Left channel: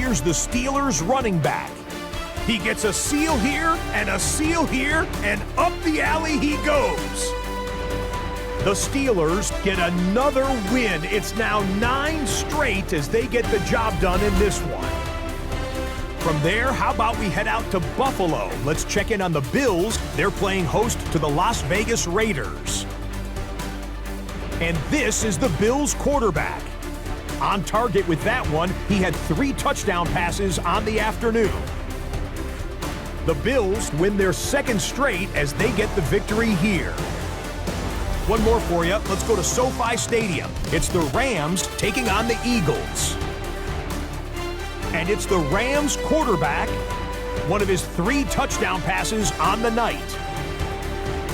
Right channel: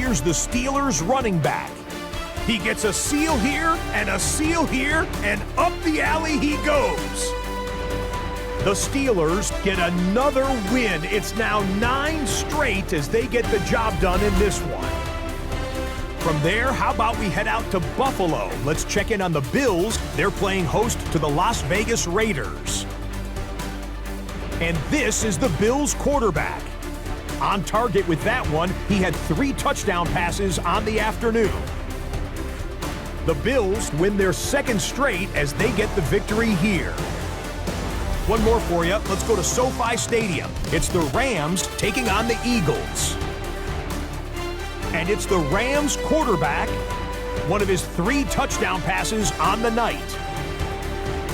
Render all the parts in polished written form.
here's the Steelers running back. He gets a seal here, and up the alley he goes. The Steelers get another win. It's now 9 straight as they get the job done in this one. From there, how about we head out to Buffalo? Let's check in on the Bills. They're playing host to the Las Vegas Raiders. And this is the Bills quarterback. On target with that one, he had 3 touchdown passes on the afternoon. The Bills win their 2nd straight as they get the victory here. One more for you. Let's go to SoFi Stadium. It's the Rams taking on the Eagles. And it's the Rams quarterback, one of his 3 touchdown passes on the night.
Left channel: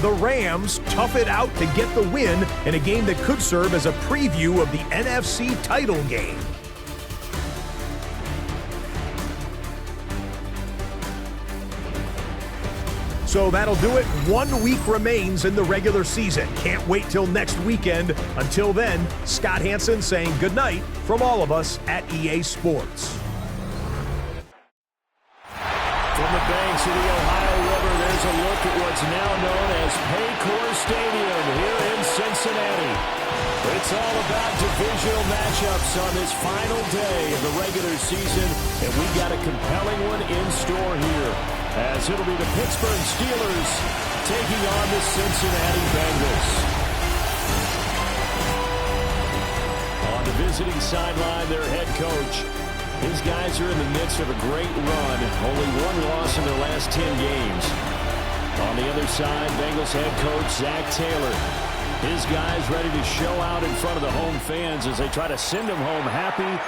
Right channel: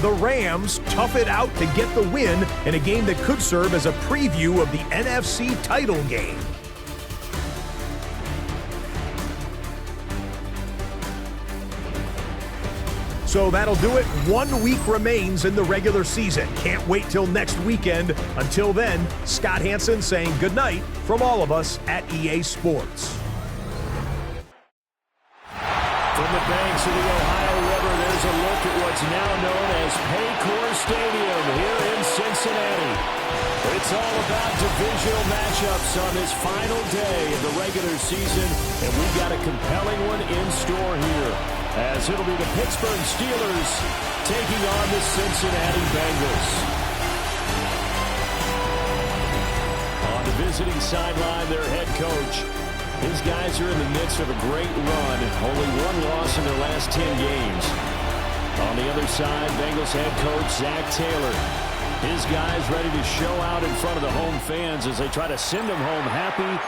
The Rams tough it out to get the win in a game that could serve as a preview of the NFC title game. So that'll do it. 1 week remains in the regular season. Can't wait till next weekend. Until then, Scott Hansen saying goodnight from all of us at EA Sports. From the banks of the Ohio River, there's a look at what's now known as Paycor Stadium here in Cincinnati. It's all about divisional matchups on this final day of the regular season, and we've got a compelling one in store here, as it'll be the Pittsburgh Steelers taking on the Cincinnati Bengals. On the visiting sideline, their head coach. His guys are in the midst of a great run. Only 1 loss in their last 10 games. On the other side, Bengals head coach Zach Taylor. His guys ready to show out in front of the home fans as they try to send them home happy.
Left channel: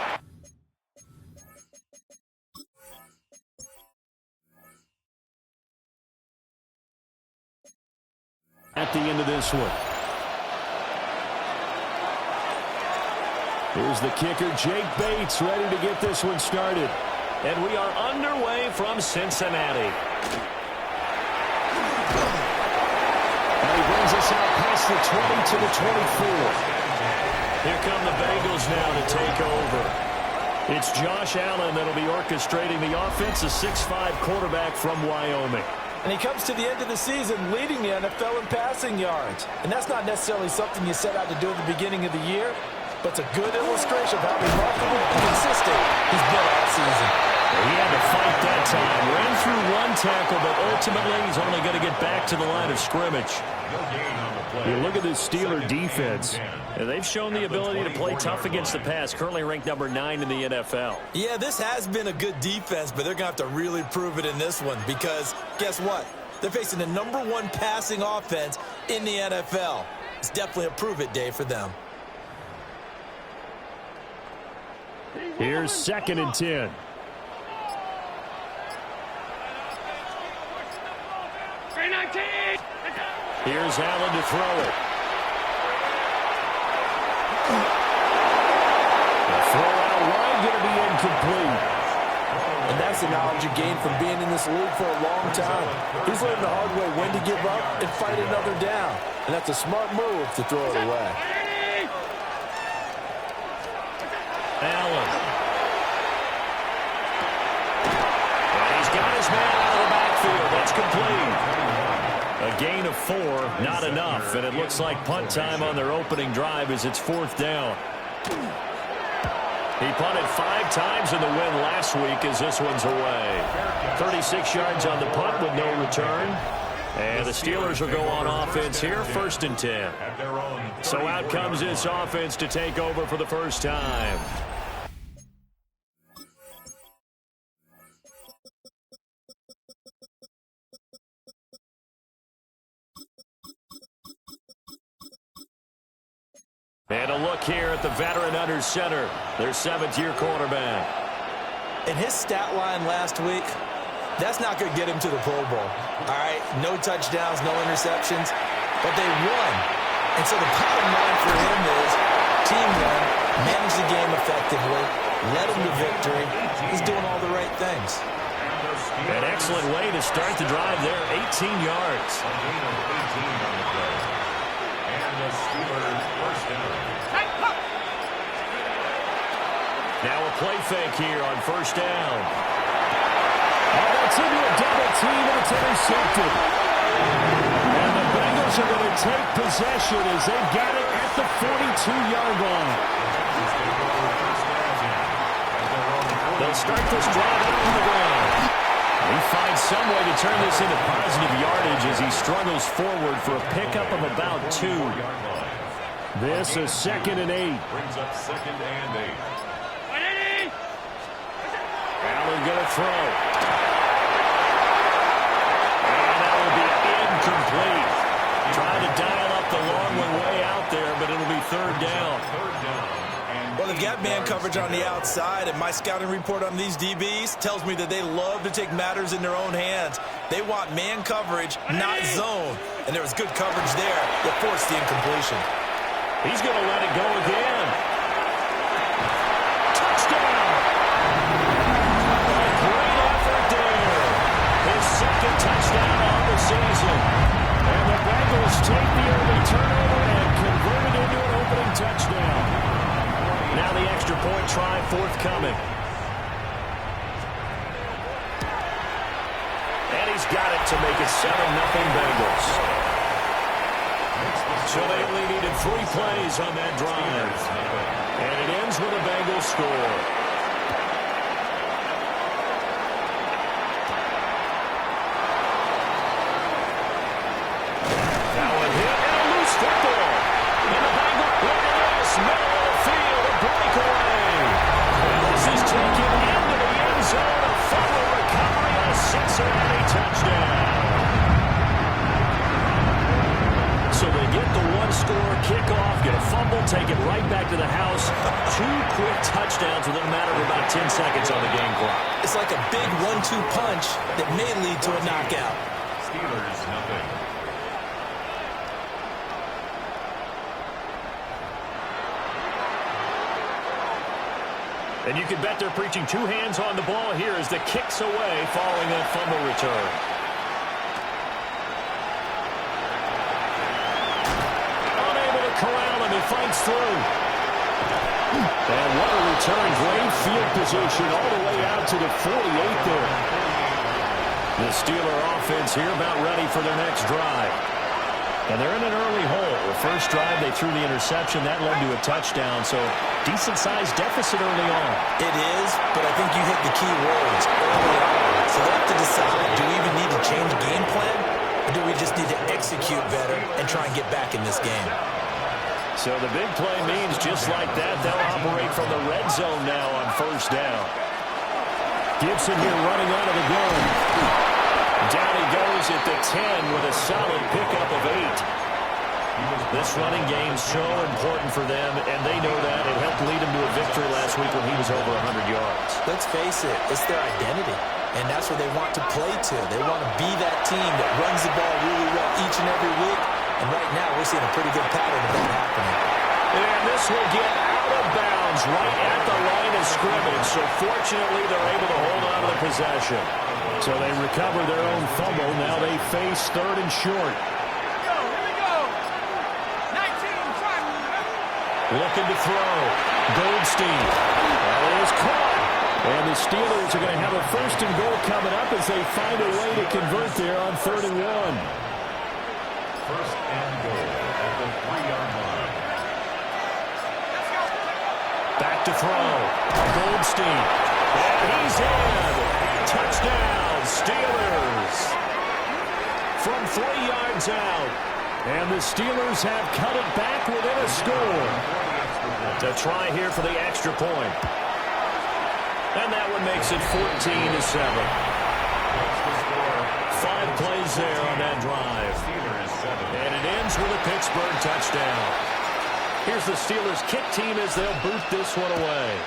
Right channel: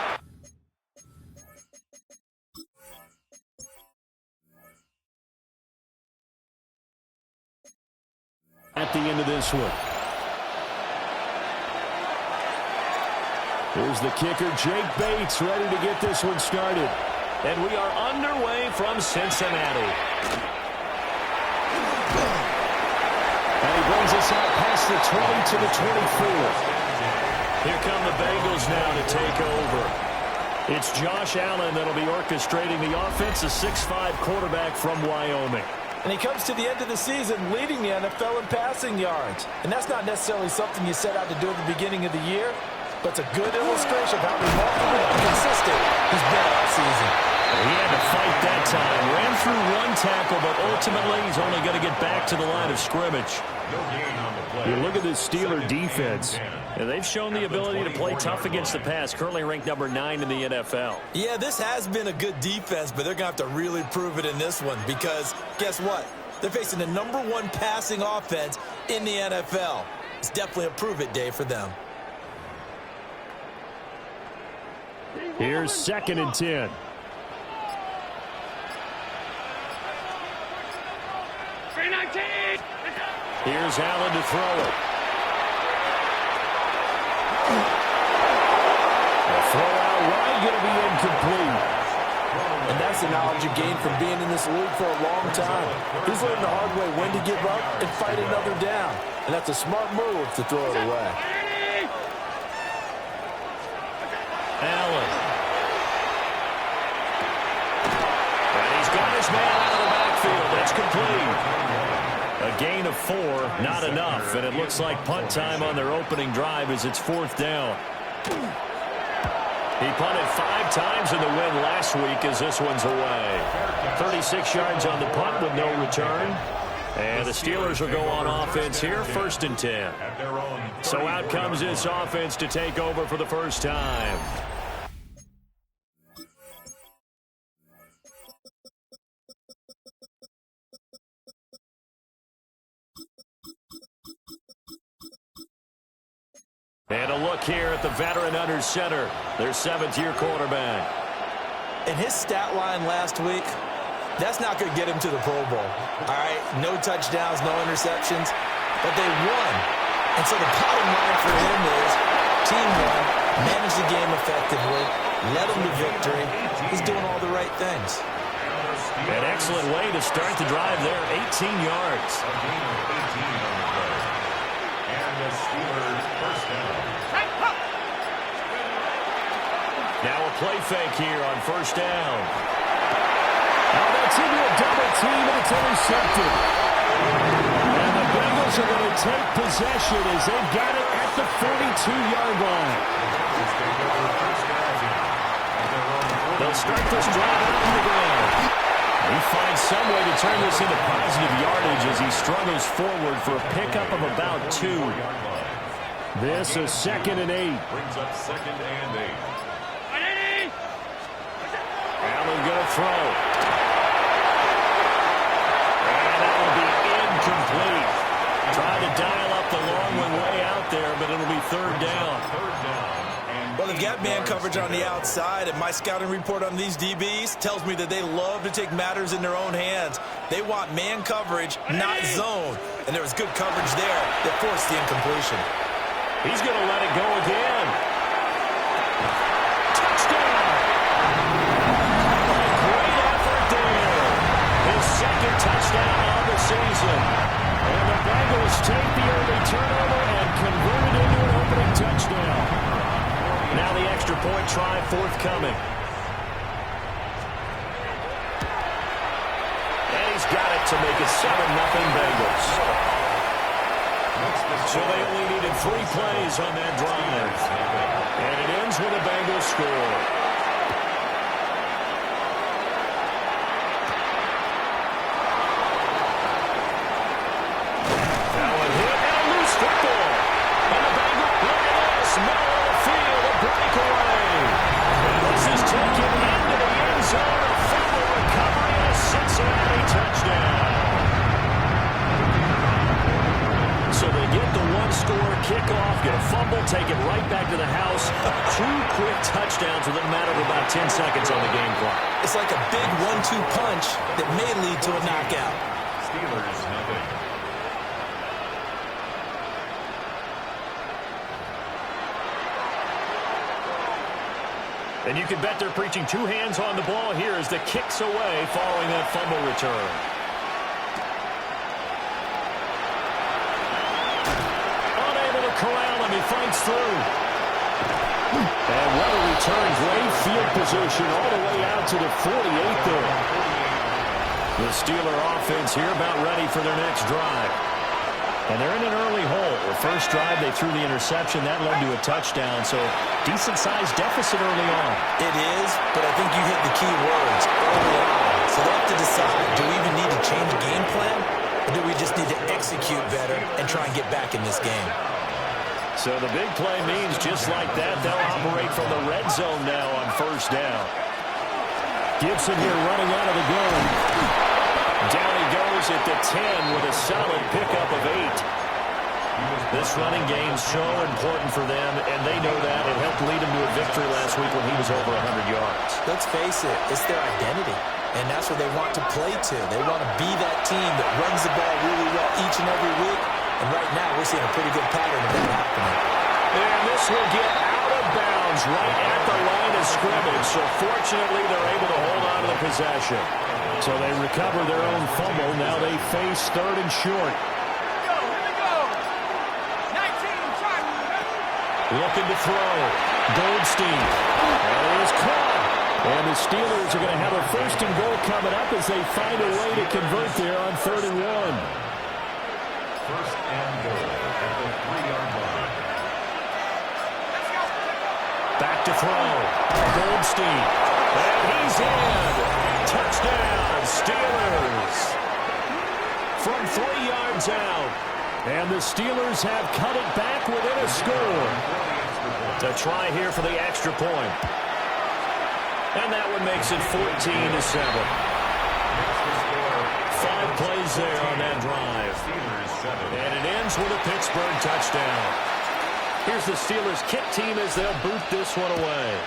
At the end of this one. Here's the kicker, Jake Bates, ready to get this one started. And we are underway from Cincinnati. And he brings us out past the 20 to the 24. Here come the Bengals now to take over. It's Josh Allen that'll be orchestrating the offense, a 6'5" quarterback from Wyoming. And he comes to the end of the season leading the NFL in passing yards. And that's not necessarily something you set out to do at the beginning of the year, but it's a good illustration of how remarkable and consistent he's been all season. He had to fight that time. Ran through 1 tackle, but ultimately he's only going to get back to the line of scrimmage. You look at this Steeler defense. They've shown the ability to play tough against the pass, currently ranked number 9 in the NFL. Yeah, this has been a good defense, but they're going to have to really prove it in this one because guess what? They're facing the number 1 passing offense in the NFL. It's definitely a prove-it day for them. Here's 2nd and 10. Here's Allen to throw it. The throw out wide going to be incomplete. And that's the knowledge you gain from being in this league for a long time. He's learned the hard way when to give up and fight another down. And that's a smart move to throw it away. Allen. And he's got his man out of the backfield. That's complete. A gain of 4, not enough. And it looks like punt time on their opening drive as it's 4th down. He punted 5 times in the win last week as this one's away. 36 yards on the punt with no return. And the Steelers will go on offense here, 1st and 10. So out comes this offense to take over for the first time. And a look here at the veteran under center, their 7th-year quarterback. And his stat line last week, that's not going to get him to the Pro Bowl. All right, no touchdowns, no interceptions, but they won. And so the bottom line for him is team won, managed the game effectively, led them to victory. He's doing all the right things. An excellent way to start the drive there, 18 yards. A gain of 18 on the play. And the Steelers first down. Now a play fake here on first down. Oh, that's into a double team, and it's intercepted. And the Bengals are going to take possession as they've got it at the 42-yard line. They'll start this drive out on the ground. He finds some way to turn this into positive yardage as he struggles forward for a pickup of about 2. This is 2nd and 8. Brings up 2nd and 8. Allen going to throw. And that will be incomplete. Trying to dial up the long one way out there, but it'll be 3rd down. Well, they've got man coverage on the outside, and my scouting report on these DBs tells me that they love to take matters in their own hands. They want man coverage, not zone. And there was good coverage there that forced the incompletion. He's going to let it go again. Touchdown! A great effort there. His 2nd touchdown on the season. And the Bengals take the early turnover and convert it into an opening touchdown. Now the extra point try forthcoming. And he's got it to make it 7-0 Bengals. So they only needed 3 plays on that drive. And it ends with a Bengals score. Now a hit and a loose football. And the Bengals, look at this, middle of the field, a breakaway. And this is taken into the end zone, a fumble recovery, and a Cincinnati touchdown. So they get the 1-score kickoff, get a fumble, take it right back to the house. 2 quick touchdowns within a matter of about 10 seconds on the game clock. It's like a big 1-2 punch that may lead to a knockout. Steelers, nothing. And you can bet they're preaching 2 hands on the ball here as the kick's away following that fumble return. Unable to corral him, he fights through. And what a return, great field position all the way out to the 48 there. The Steeler offense here about ready for their next drive. And they're in an early hole. The first drive, they threw the interception. That led to a touchdown, so decent-sized deficit early on. It is, but I think you hit the key words early on. So they have to decide, do we even need to change game plan, or do we just need to execute better and try and get back in this game? So the big play means just like that, they'll operate from the red zone now on first down. Gibson here running out of the gun. Down he goes at the 10 with a solid pickup of 8. This running game's so important for them, and they know that. It helped lead them to a victory last week when he was over 100 yards. Let's face it, it's their identity, and that's what they want to play to. They want to be that team that runs the ball really well each and every week, and right now we're seeing a pretty good pattern of that happening. And this will get out of bounds right at the line of scrimmage, so fortunately they're able to hold on to the possession. So they recover their own fumble. Now they face 3rd and short. Here we go. 19, try. Looking to throw. Goldstein. That is caught. And the Steelers are going to have a 1st and goal coming up as they find a way to convert there on 3rd and 1. 1st and goal at the 3-yard line. Back to throw. Goldstein. And he's in. Touchdown, Steelers. From 3 yards out. And the Steelers have cut it back within a score. To try here for the extra point. And that one makes it 14-7. 5 plays there on that drive. And it ends with a Pittsburgh touchdown. Here's the Steelers kick team as they'll boot this one away.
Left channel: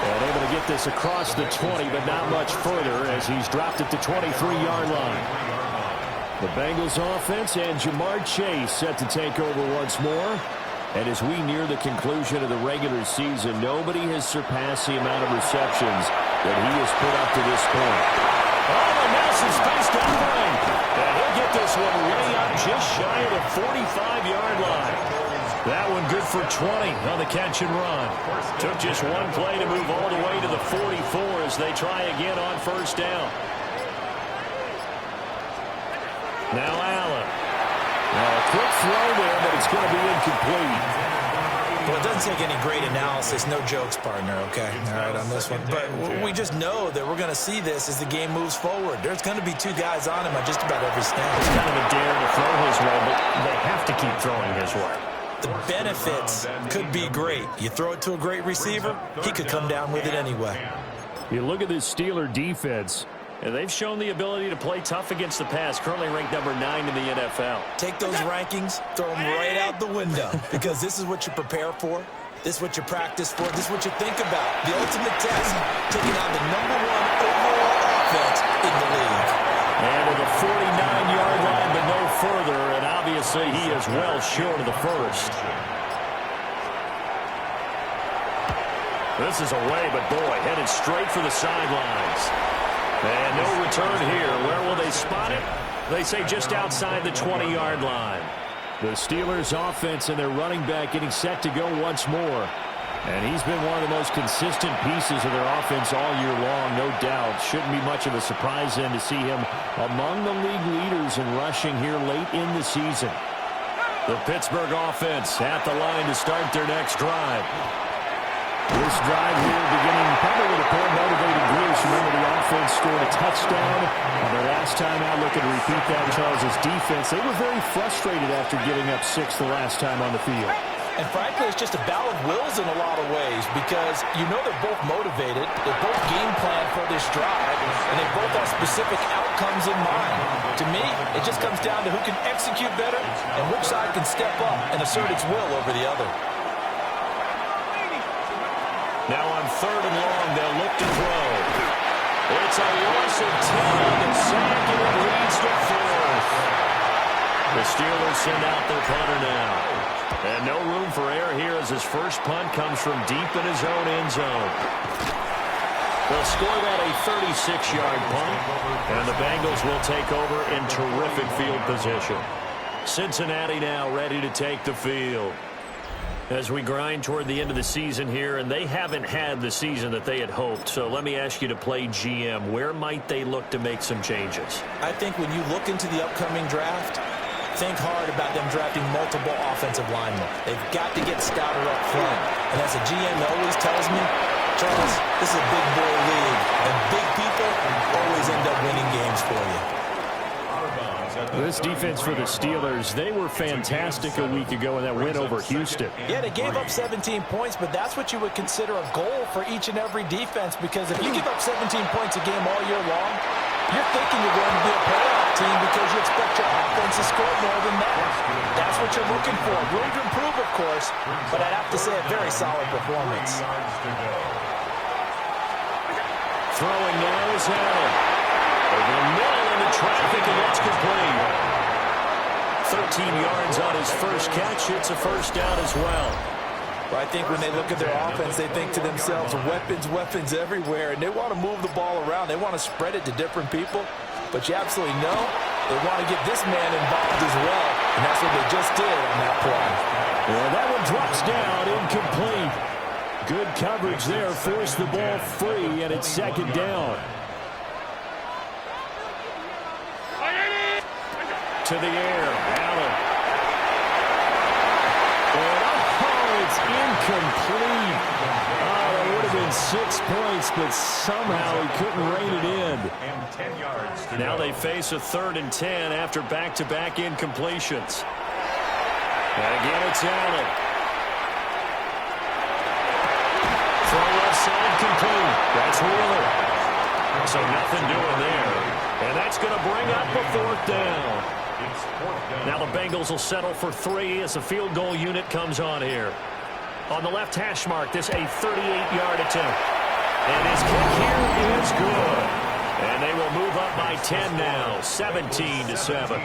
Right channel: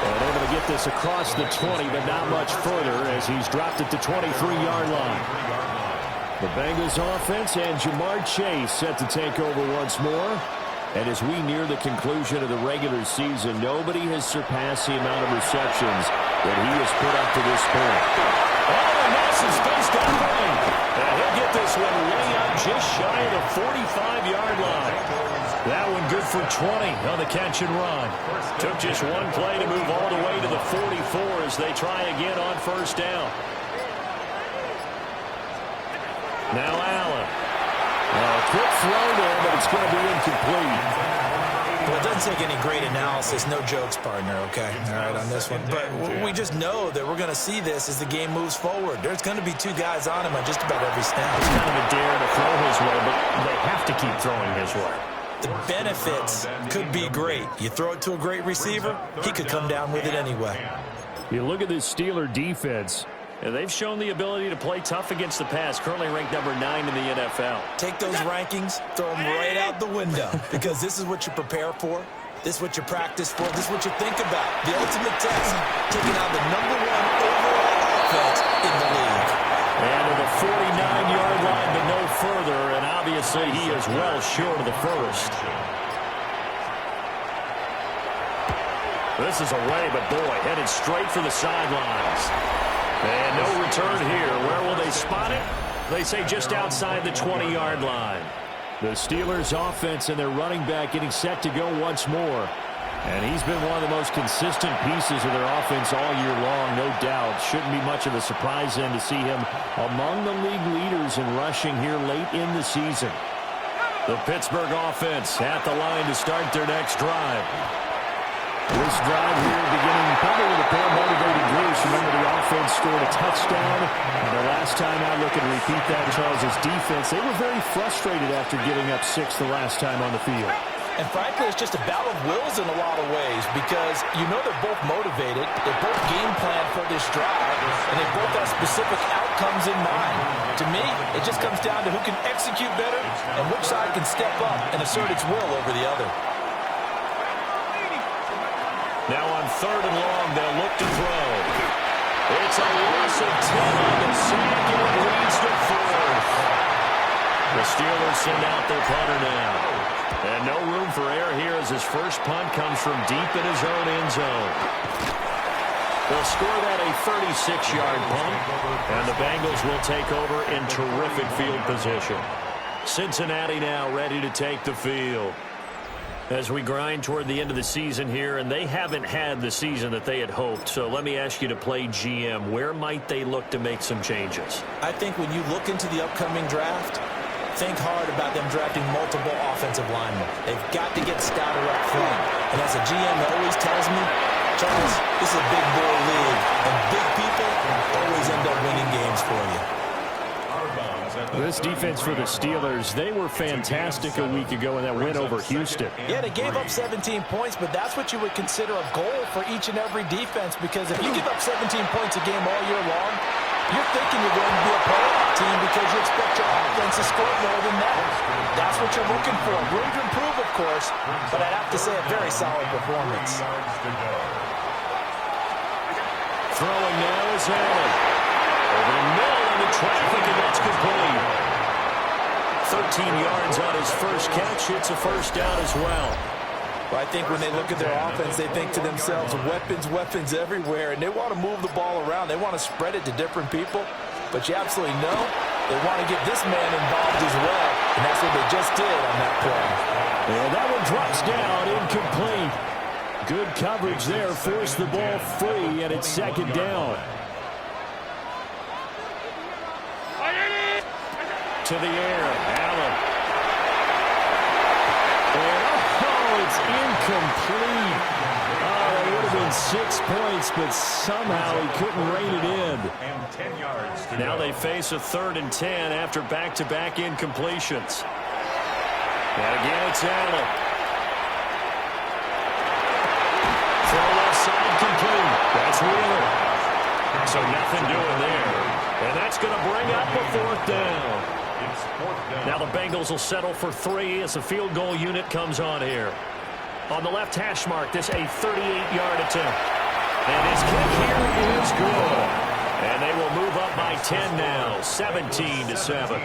And able to get this across the 20, but not much further as he's dropped it to 23-yard line. The Bengals offense and Jamar Chase set to take over once more. And as we near the conclusion of the regular season, nobody has surpassed the amount of receptions that he has put up to this point. Oh, and now some space down the lane. And he'll get this one way up just shy of the 45-yard line. That one good for 20 on the catch and run. Took just one play to move all the way to the 44 as they try again on first down. Now Allen. Now a quick throw there, but it's going to be incomplete. Well, it doesn't take any great analysis. No jokes, partner, okay? All right, on this one. But we just know that we're going to see this as the game moves forward. There's going to be two guys on him on just about every snap. It's kind of a dare to throw his way, but they have to keep throwing his way. The benefits could be great. You throw it to a great receiver, he could come down with it anyway. You look at this Steeler defense, and they've shown the ability to play tough against the pass, currently ranked number 9 in the NFL. Take those rankings, throw them right out the window, because this is what you prepare for. This is what you practice for. This is what you think about. The ultimate test, taking on the #1 overall offense in the league. And to the 49-yard line, but no further, and obviously he is well short of the first. This is away, but boy, headed straight for the sidelines. And no return here. Where will they spot it? They say just outside the 20-yard line. The Steelers' offense and their running back getting set to go once more. And he's been one of the most consistent pieces of their offense all year long, no doubt. Shouldn't be much of a surprise then to see him among the league leaders in rushing here late in the season. The Pittsburgh offense at the line to start their next drive. This drive here beginning probably with a pair of motivated groups. Remember, the offense scored a touchdown on their last time out. Looking to repeat that in Charles's defense. They were very frustrated after giving up 6 the last time on the field. And frankly, it's just a battle of wills in a lot of ways because you know they're both motivated. They both game plan for this drive, and they both have specific outcomes in mind. To me, it just comes down to who can execute better and which side can step up and assert its will over the other. Now on 3rd and long, they'll look to throw. It's a loss of 10 on the sack, and it leads to 4th. The Steelers send out their punter now. And no room for error here as his first punt comes from deep in his own end zone. They'll score that a 36-yard punt, and the Bengals will take over in terrific field position. Cincinnati now ready to take the field. As we grind toward the end of the season here, and they haven't had the season that they had hoped. So let me ask you to play GM. Where might they look to make some changes? I think when you look into the upcoming draft, think hard about them drafting multiple offensive linemen. They've got to get stouter up front. And as a GM always tells me, Charles, this is a big boy league, and big people always end up winning games for you. This defense for the Steelers, they were fantastic a week ago in that win over Houston. Yeah, they gave up 17 points, but that's what you would consider a goal for each and every defense, because if you give up 17 points a game all year long, you're thinking you're going to be a playoff team because you expect your offense to score more than that. That's what you're looking for. Room to improve, of course, but I'd have to say a very solid performance. Throwing now is Allen. Over the middle into traffic, and that's complete. 13 yards on his first catch. It's a first down as well. But I think when they look at their offense, they think to themselves, weapons everywhere, and they want to move the ball around. They want to spread it to different people. But you absolutely know they want to get this man involved as well, and that's what they just did on that play. And that one drops down, incomplete. Good coverage there, forced the ball free, and it's 2nd down. To the air, Allen. And it's incomplete. Oh, that would have been 6 points, but somehow he couldn't rein it in. And 10 yards to Now go. they face a 3rd and 10 after back-to-back incompletions. And again, it's Allen. Throw left side complete. That's Wheeler. So nothing doing there. And that's going to bring up a 4th down. It's 4th down. Now the Bengals will settle for 3 as the field goal unit comes on here. On the left hash mark, this a 38-yard attempt. And his kick here is good. And they will move up by 10 now, 17-7.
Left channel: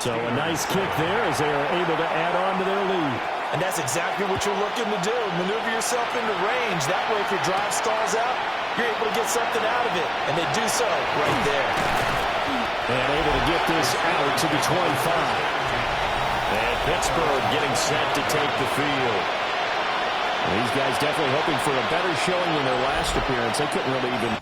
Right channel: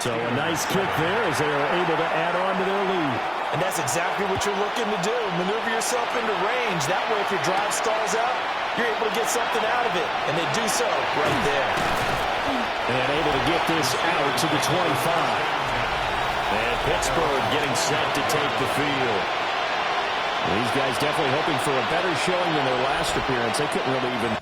So a nice kick there as they are able to add on to their lead. And that's exactly what you're looking to do. Maneuver yourself into range. That way, if your drive stalls out, you're able to get something out of it. And they do so right there. And able to get this out to the 25. And Pittsburgh getting set to take the field. These guys definitely hoping for a better showing than their last appearance. They couldn't really even...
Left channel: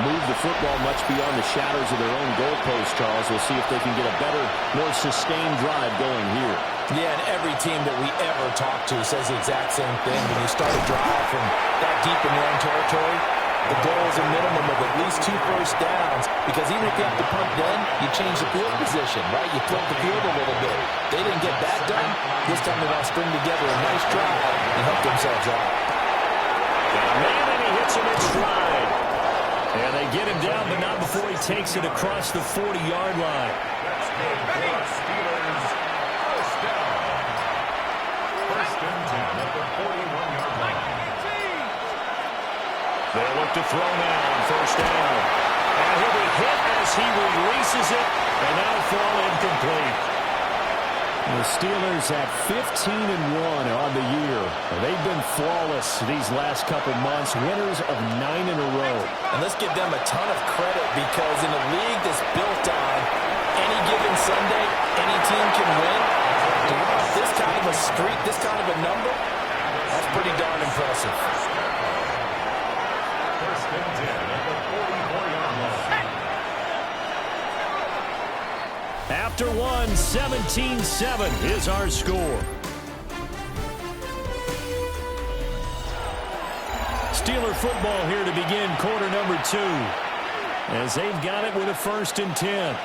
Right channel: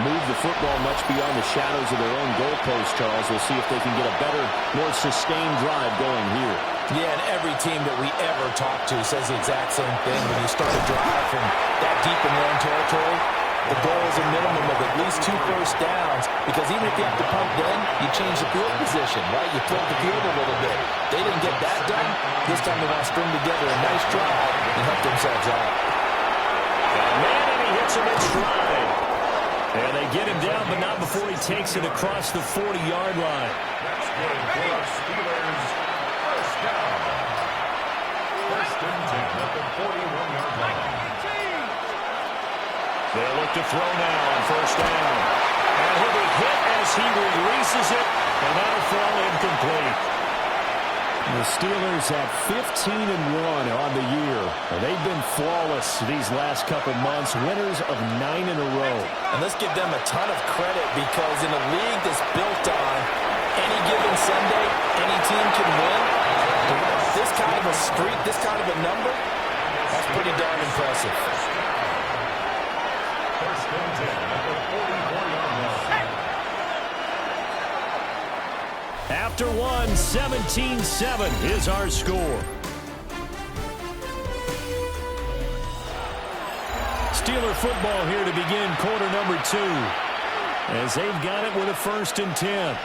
move the football much beyond the shadows of their own goalpost, Charles. We'll see if they can get a better, more sustained drive going here. Yeah, and every team that we ever talk to says the exact same thing. When you start a drive from that deep in your own territory, the goal is a minimum of at least 2 first downs, because even if you have to punt then, you change the field position, right? You tilt the field a little bit. They didn't get that done. This time they want to string together a nice drive and help themselves out. Got a man, and he hits him in stride. And they get him down, but not before he takes it across the 40-yard line. That's good for the Steelers. First down. First and 10 at the 41-yard line. They'll look to throw now on first down. And he'll be hit as he releases it, and that'll fall incomplete. The Steelers at 15-1 on the year. They've been flawless these last couple months, winners of 9 in a row. And let's give them a ton of credit, because in a league that's built on any given Sunday, any team can win. This kind of a streak, this kind of a number, that's pretty darn impressive. First and 10 at the 44-yard line. After one, 17-7 is our score. Steeler football here to begin quarter number 2, as they've got it with a first and 10.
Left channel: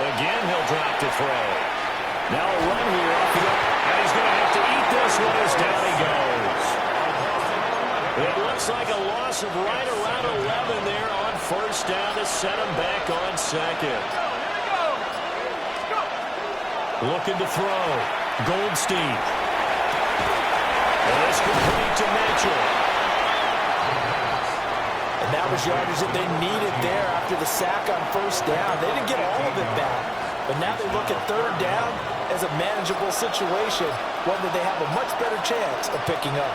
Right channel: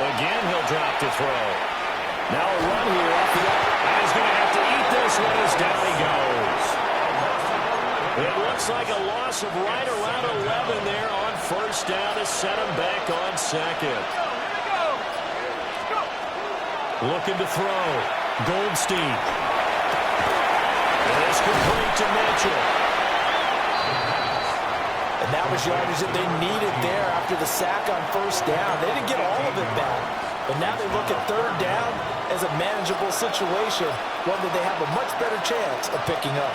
Again, he'll drop to throw. Now a run here off the up, and he's going to have to eat this one as down he goes. It looks like a loss of right around 11 there on first down to set him back on second. Looking to throw. Goldstein. And it's complete to Mitchell. And that was yardage that they needed there after the sack on first down. They didn't get all of it back, but now they look at third down as a manageable situation, one that they have a much better chance of picking up.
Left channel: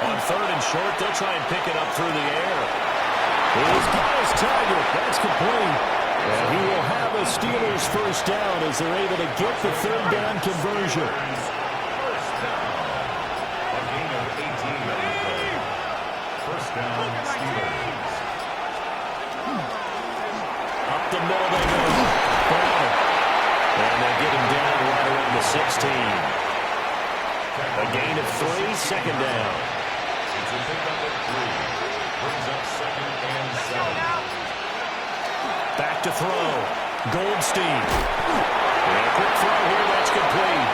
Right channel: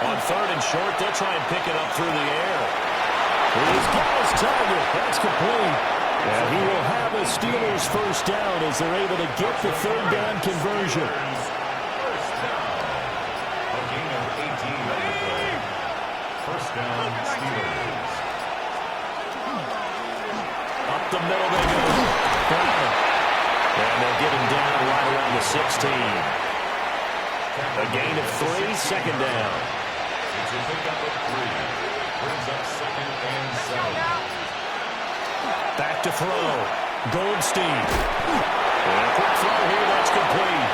On third and short, they'll try and pick it up through the air. He's got his target. That's complete. And he will have a Steelers first down as they're able to get the third down conversion. First down. A gain of 18 on the play. First down, Steelers. Up the middle they go. Browning. And they'll get him down right around the 16. A gain of 3, second down. It's a pickup of 3. Brings up second and 7. Back to throw. Goldstein. And a quick throw here. That's complete.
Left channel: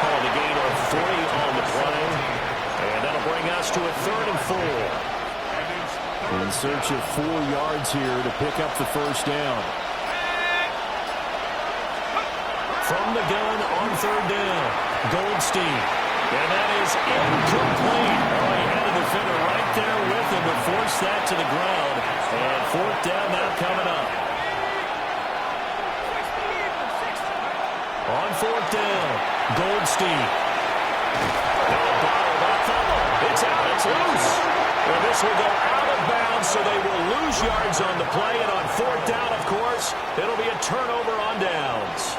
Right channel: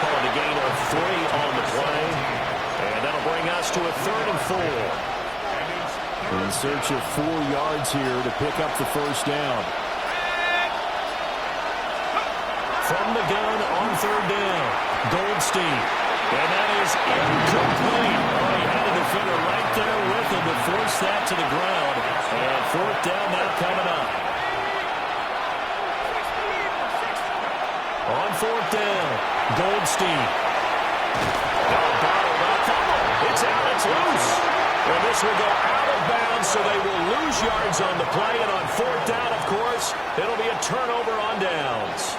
Calling a gain of 3 on the play. And that'll bring us to a third and 4. In search of 4 yards here to pick up the first down. From the gun on third down. Goldstein. And that is incomplete. Oh, he had a defender right there with him to force that to the ground. And fourth down now coming up. On fourth down, Goldstein. No, bottled up. Fumble. It's out. It's loose. And this will go out of bounds, so they will lose yards on the play. And on fourth down, of course, it'll be a turnover on downs.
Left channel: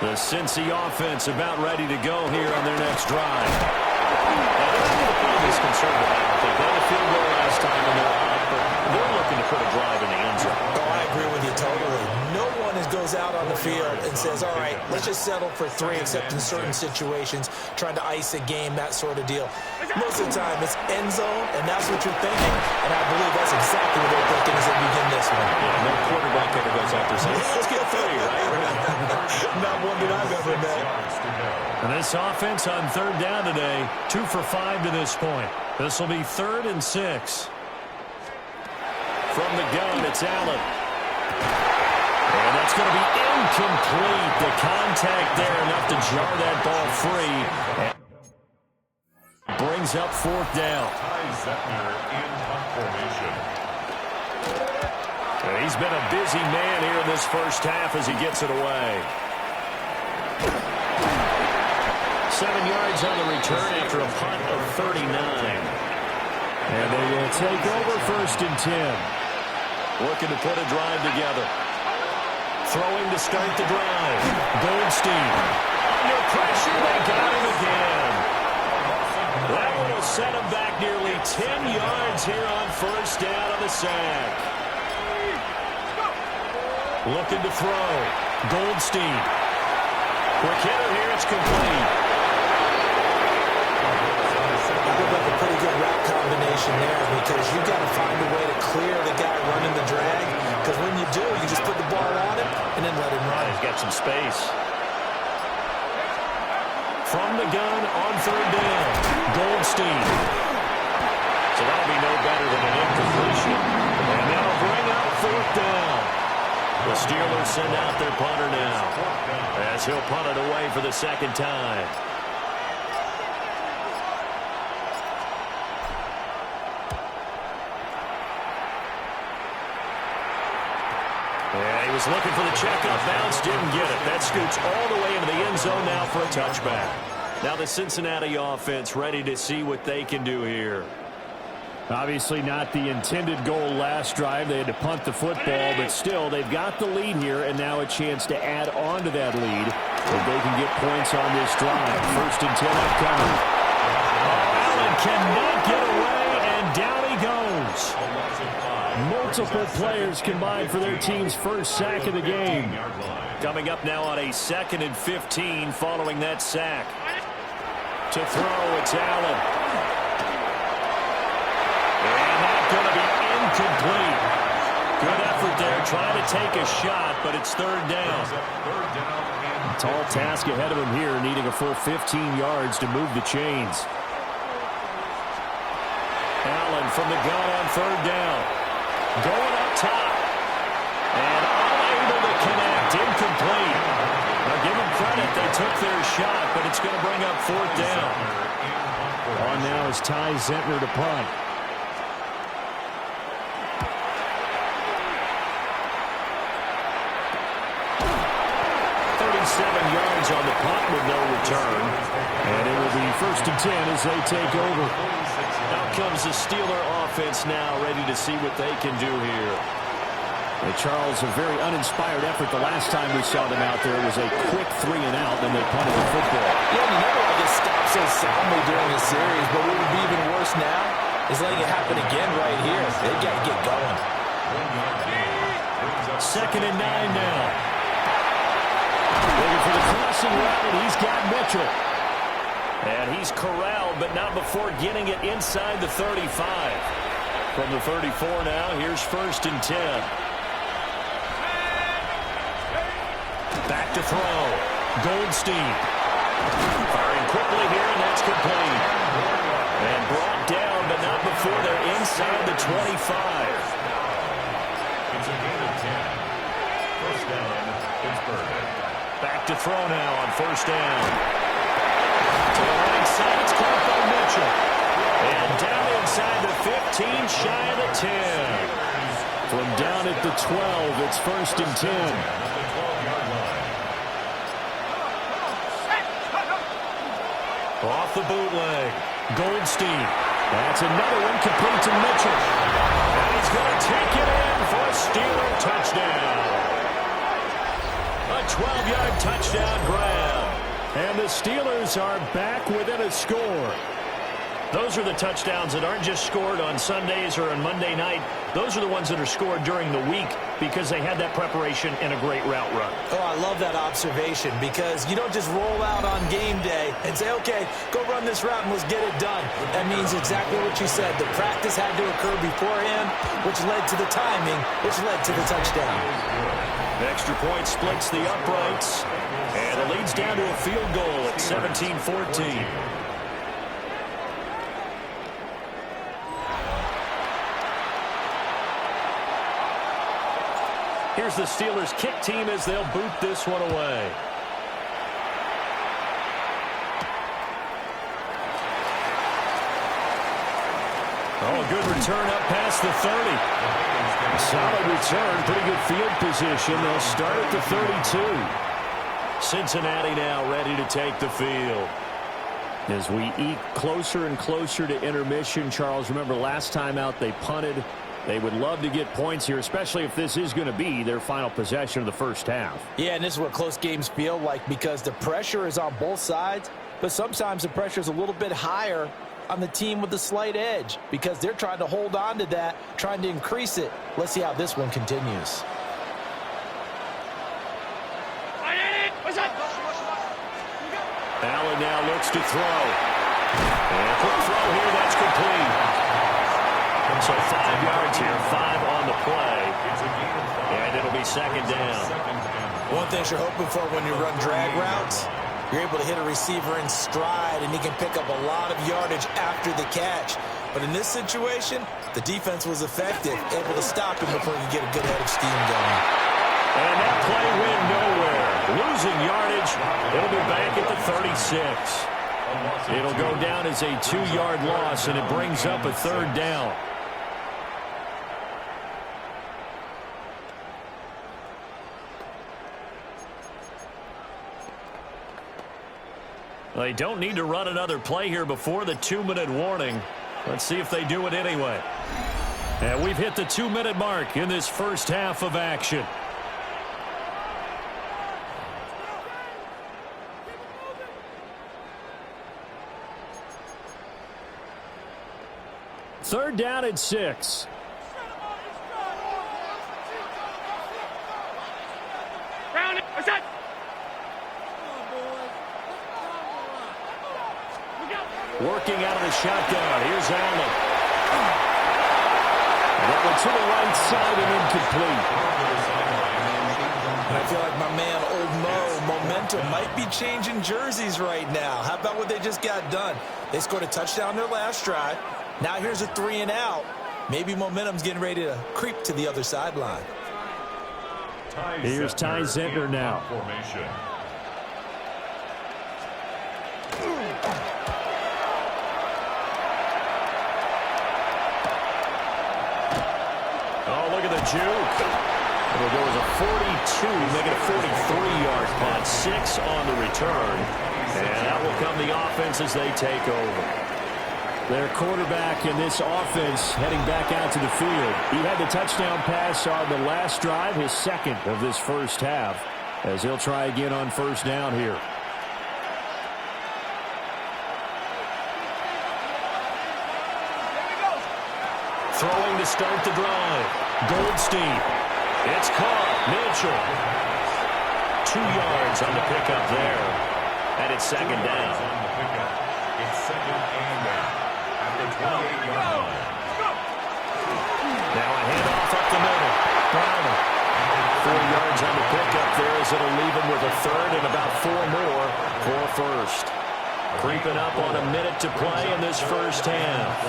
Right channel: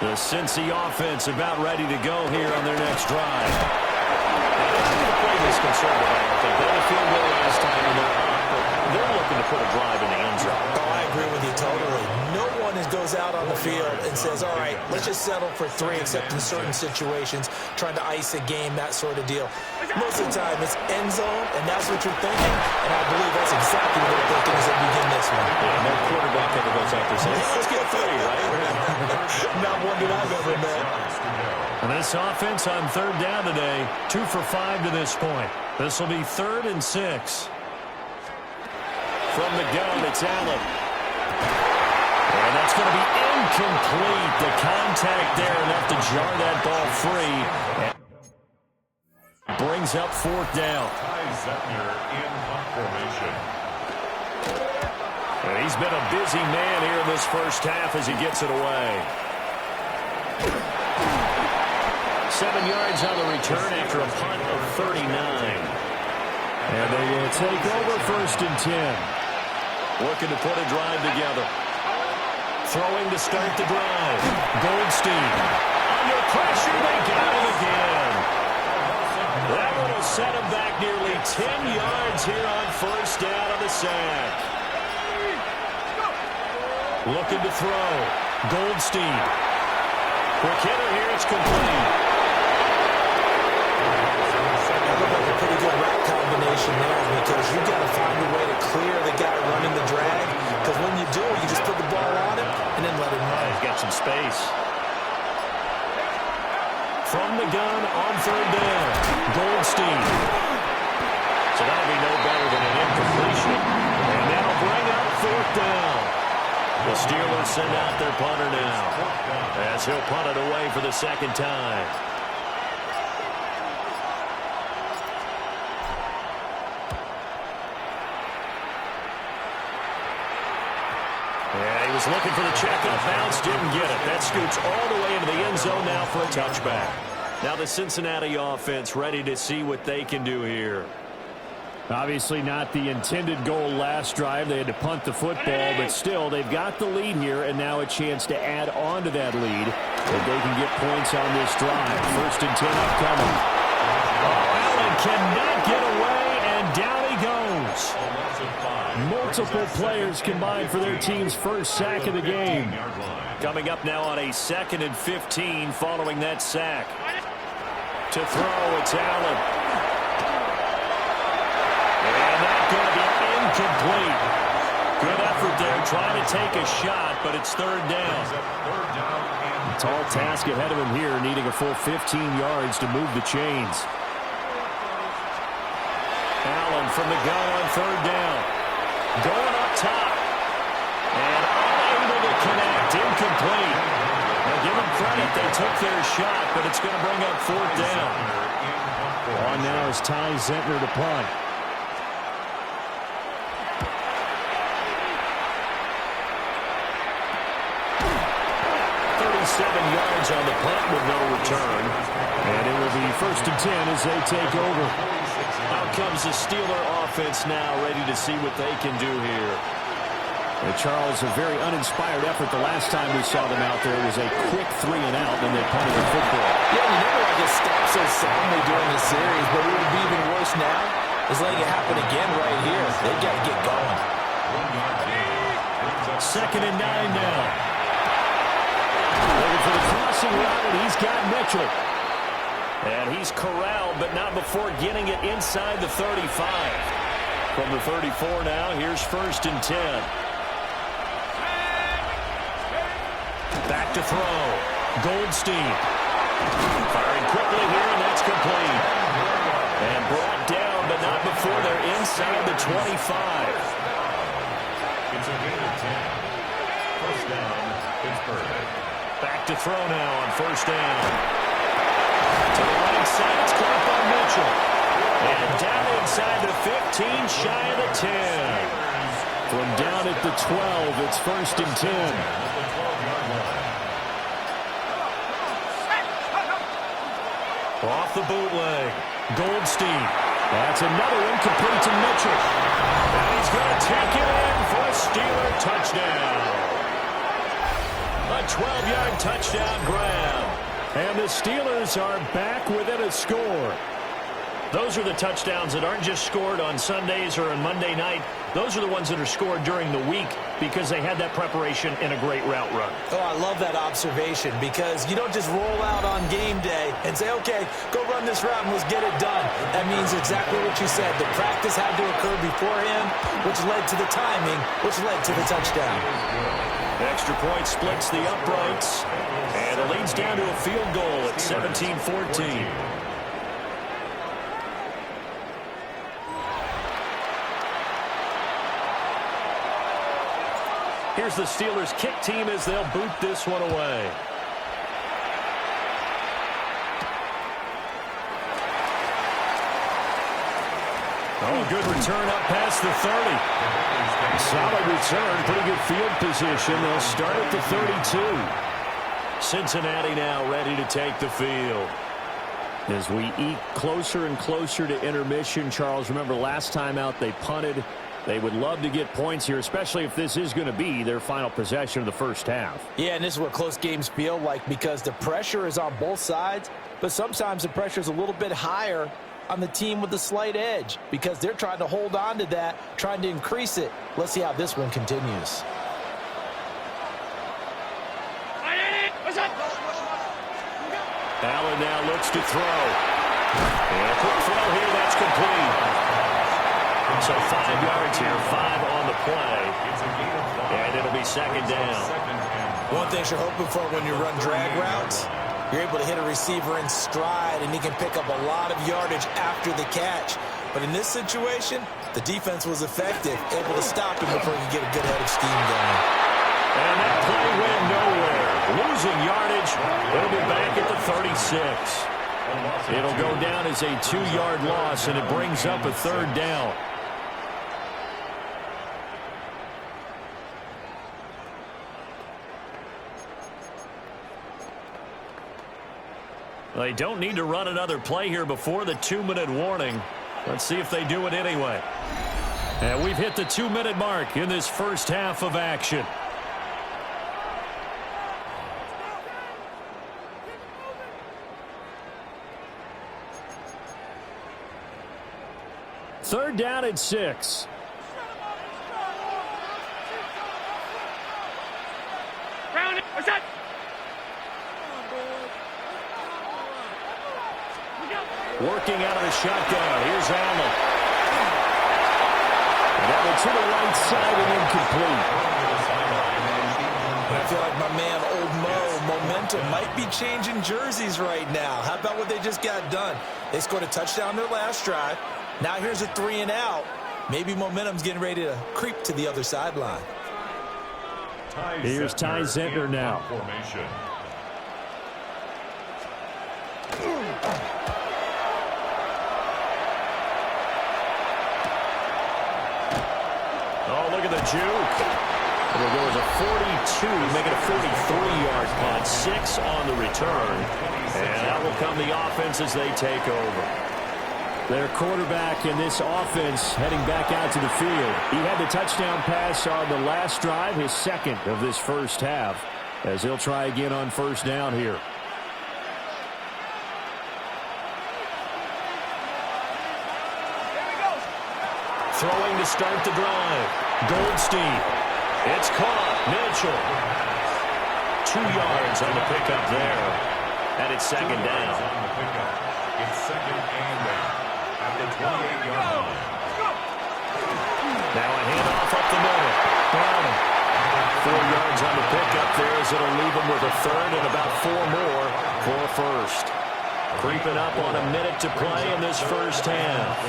The Cincy offense about ready to go here on their next drive. Now, they're not going to play this conservative, I don't think. They had a field goal last time, and they're up, but they're looking to put a drive in the end zone. Oh, I agree with you totally. No one goes out on the field and says, all right, let's just settle for 3, except in certain situations, trying to ice a game, that sort of deal. Most of the time, it's end zone, and that's what you're thinking, and I believe that's exactly what they're thinking as they begin this one. Yeah, no quarterback ever goes out there saying, let's get 3, right? Not one that I've ever met. And this offense on third down today, 2 for 5 to this point. This will be 3rd and 6. From the gun, it's Allen. And that's going to be incomplete. The contact there enough to jar that ball free. And brings up fourth down. Ty Zettner in punt formation. And he's been a busy man here in this first half as he gets it away. 7 yards on the return after a punt of 39. And they will take over first and 10. Looking to put a drive together. Throwing to start the drive. Goldstein. Under pressure, they got him again. That one will set him back nearly 10 yards here on first down on the sack. Looking to throw. Goldstein. Quick hitter here, it's complete. That looked like a pretty good route combination there because you got to find a way to clear the guy running the drag. Because when you do, you just put the ball on him and then let him run. He's got some space. From the gun on third down. Goldstein. So that'll be no better than an incompletion. And that'll bring up fourth down. The Steelers send out their punter now as he'll punt it away for the second time. And he was looking for the checkup bounce, didn't get it. That scoots all the way into the end zone now for a touchback. Now the Cincinnati offense ready to see what they can do here. Obviously not the intended goal last drive. They had to punt the football, but still they've got the lead here, and now a chance to add on to that lead if they can get points on this drive. First and 10 upcoming. Oh, Allen cannot get away, and down he goes. Multiple players combined for their team's first sack of the game. Coming up now on a 2nd and 15 following that sack. To throw, it's Allen. And that's going to be incomplete. Good effort there, trying to take a shot, but it's third down. Tall task ahead of him here, needing a full 15 yards to move the chains. Allen from the gun on third down. Going up top. And unable to connect. Incomplete. Now give them credit. They took their shot, but it's going to bring up fourth down. On now is Ty Zettner to punt. 37 yards on the punt with no return. And it will be first and 10 as they take over. Out comes the Steeler offense now, ready to see what they can do here. And Charles, a very uninspired effort the last time we saw them out there. It was a quick 3 and out, and they punted the football. Yeah, you never want to get stopped so soundly during this series, but what would be even worse now is letting it happen again right here. They got to get going. 2nd and 9 now. Looking for the crossing route, and he's got Mitchell. And he's corralled, but not before getting it inside the 35. From the 34 now, here's first and 10. Back to throw. Goldstein. Firing quickly here, and that's complete. And brought down, but not before they're inside the 25. It's a gain of 10. First down, Pittsburgh. Back to throw now on first down. To the right side, it's caught by Mitchell. And down inside the 15, shy of the 10. From down at the 12, it's first and 10. At the 12-yard line. Off the bootleg. Goldstein. That's another one complete to Mitchell. And he's going to take it in for a Steeler touchdown. A 12-yard touchdown grab. And the Steelers are back within a score. Those are the touchdowns that aren't just scored on Sundays or on Monday night. Those are the ones that are scored during the week because they had that preparation in a great route run. Oh, I love that observation because you don't just roll out on game day and say, okay, go run this route and let's get it done. That means exactly what you said. The practice had to occur beforehand, which led to the timing, which led to the touchdown. Extra point splits the uprights, and it leads down to a field goal at 17-14. Here's the Steelers kick team as they'll boot this one away. Oh, good return up past the 30. Solid return, pretty good field position. They'll start at the 32. Cincinnati now ready to take the field. As we eke closer and closer to intermission, Charles, remember last time out they punted. They would love to get points here, especially if this is going to be their final possession of the first half. Yeah, and this is what close games feel like because the pressure is on both sides, but sometimes the pressure is a little bit higher on the team with the slight edge because they're trying to hold on to that, trying to increase it. Let's see how this one continues. Allen now looks to throw. And a quick throw here, that's complete. So 5 yards here, 5 on the play. And it'll be second down. One thing you're hoping for when you run drag routes, you're able to hit a receiver in stride, and he can pick up a lot of yardage after the catch. But in this situation, the defense was effective, able to stop him before he could get a good head of steam going. And that play went nowhere. Losing yardage. It'll be back at the 36. It'll go down as a 2-yard loss, and it brings up a third down. They don't need to run another play here before the 2-minute warning. Let's see if they do it anyway. And we've hit the 2-minute mark in this first half of action. Third down at 6. Working out of the shotgun. Here's Allen. And that went to the right side and incomplete. And I feel like my man, Old Mo, momentum might be changing jerseys right now. How about what they just got done? They scored a touchdown their last drive. Now here's a 3 and out. Maybe momentum's getting ready to creep to the other sideline. Here's Ty Zentner now. Oh, look at the juke. It'll go as a 42, make it a 43-yard punt. 6 on the return. And out will come the offense as they take over. Their quarterback in this offense heading back out to the field. He had the touchdown pass on the last drive, his second of this first half, as he'll try again on first down here. Throwing to start the drive. Goldstein. It's caught. Mitchell. 2 yards on the pickup there. And it's second down. It's second and down at the 28-yard line. Now a handoff up the middle. Browning. 4 yards on the pickup there as it'll leave him with a third and about 4 more for first. Creeping up on a minute to play in this first half.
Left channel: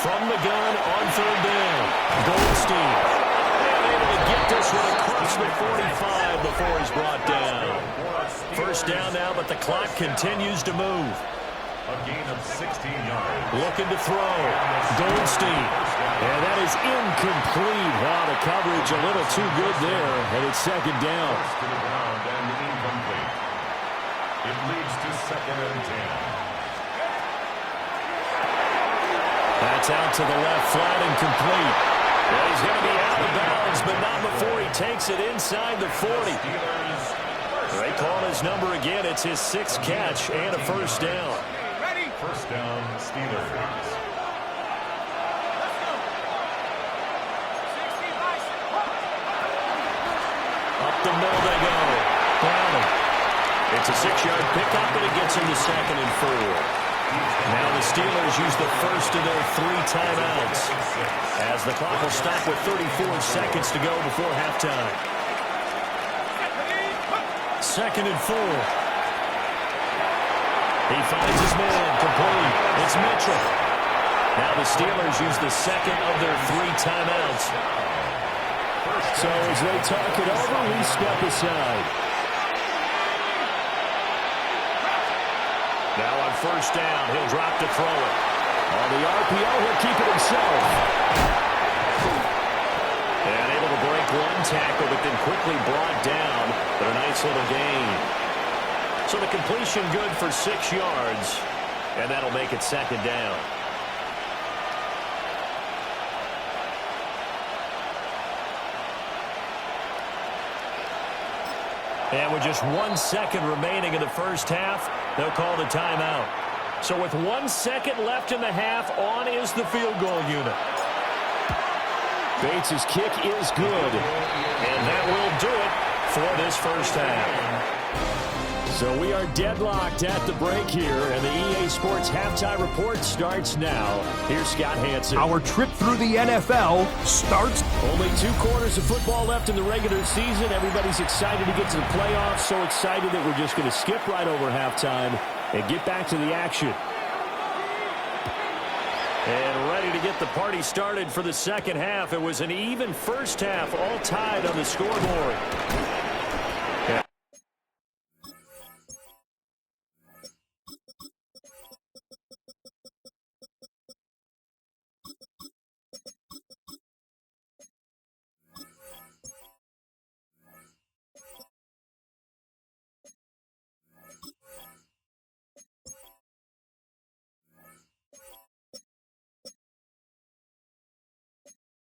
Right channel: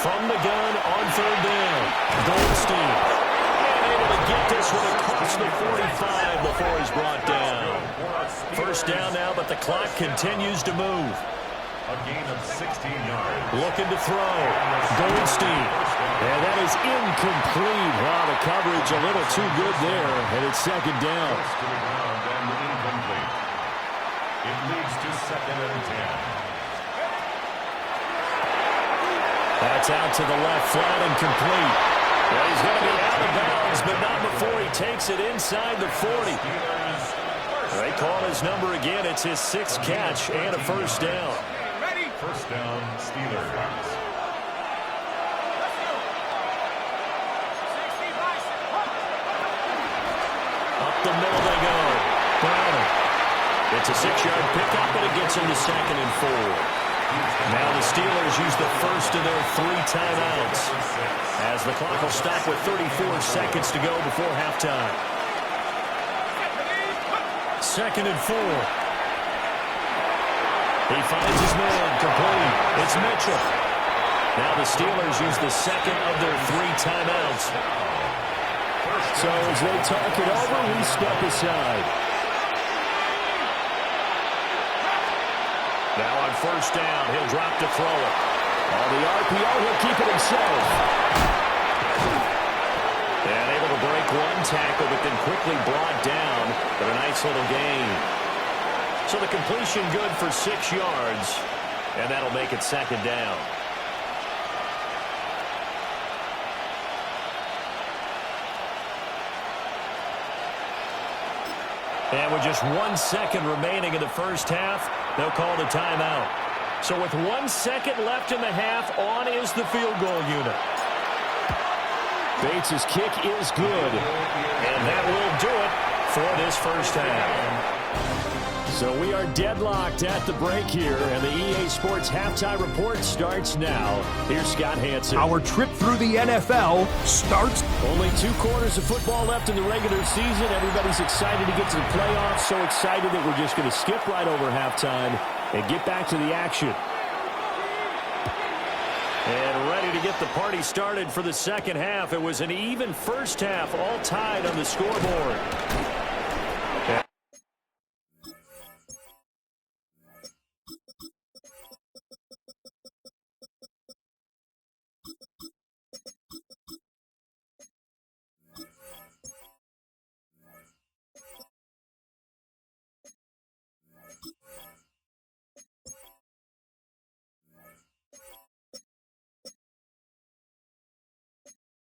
From the gun on third down. Goldstein. And able to get this one across the 45 before he's brought down. First down now, but the clock continues to move. A gain of 16 yards. Looking to throw. Goldstein. And that is incomplete. Oh, the coverage a little too good there. And it's second down. First to the ground and incomplete. It leads to second and 10. That's out to the left, flat and complete. Yeah, he's going to be out of bounds, but not before he takes it inside the 40. They call his number again. It's his 6th catch and a first down. First down, Steelers. Up the middle they go. Browning. It's a 6-yard pickup, and it gets him to second and 4. Now the Steelers use the first of their 3 timeouts as the clock will stop with 34 seconds to go before halftime. Second and 4. He finds his man complete. It's Mitchell. Now the Steelers use the second of their 3 timeouts. So as they talk it over, we step aside. Now on first down, he'll drop to throw it. On the RPO, he'll keep it himself. And able to break one tackle, but then quickly brought down. But a nice little gain. So the completion good for 6 yards. And that'll make it second down. And with just 1 second remaining in the first half, they'll call the timeout. So with 1 second left in the half, on is the field goal unit. Bates' kick is good. And that will do it for this first half. So we are deadlocked at the break here, and the EA Sports Halftime Report starts now. Here's Scott Hansen. Our trip through the NFL starts. Only 2 quarters of football left in the regular season. Everybody's excited to get to the playoffs, so excited that we're just going to skip right over halftime and get back to the action. And ready to get the party started for the second half. It was an even first half, all tied on the scoreboard.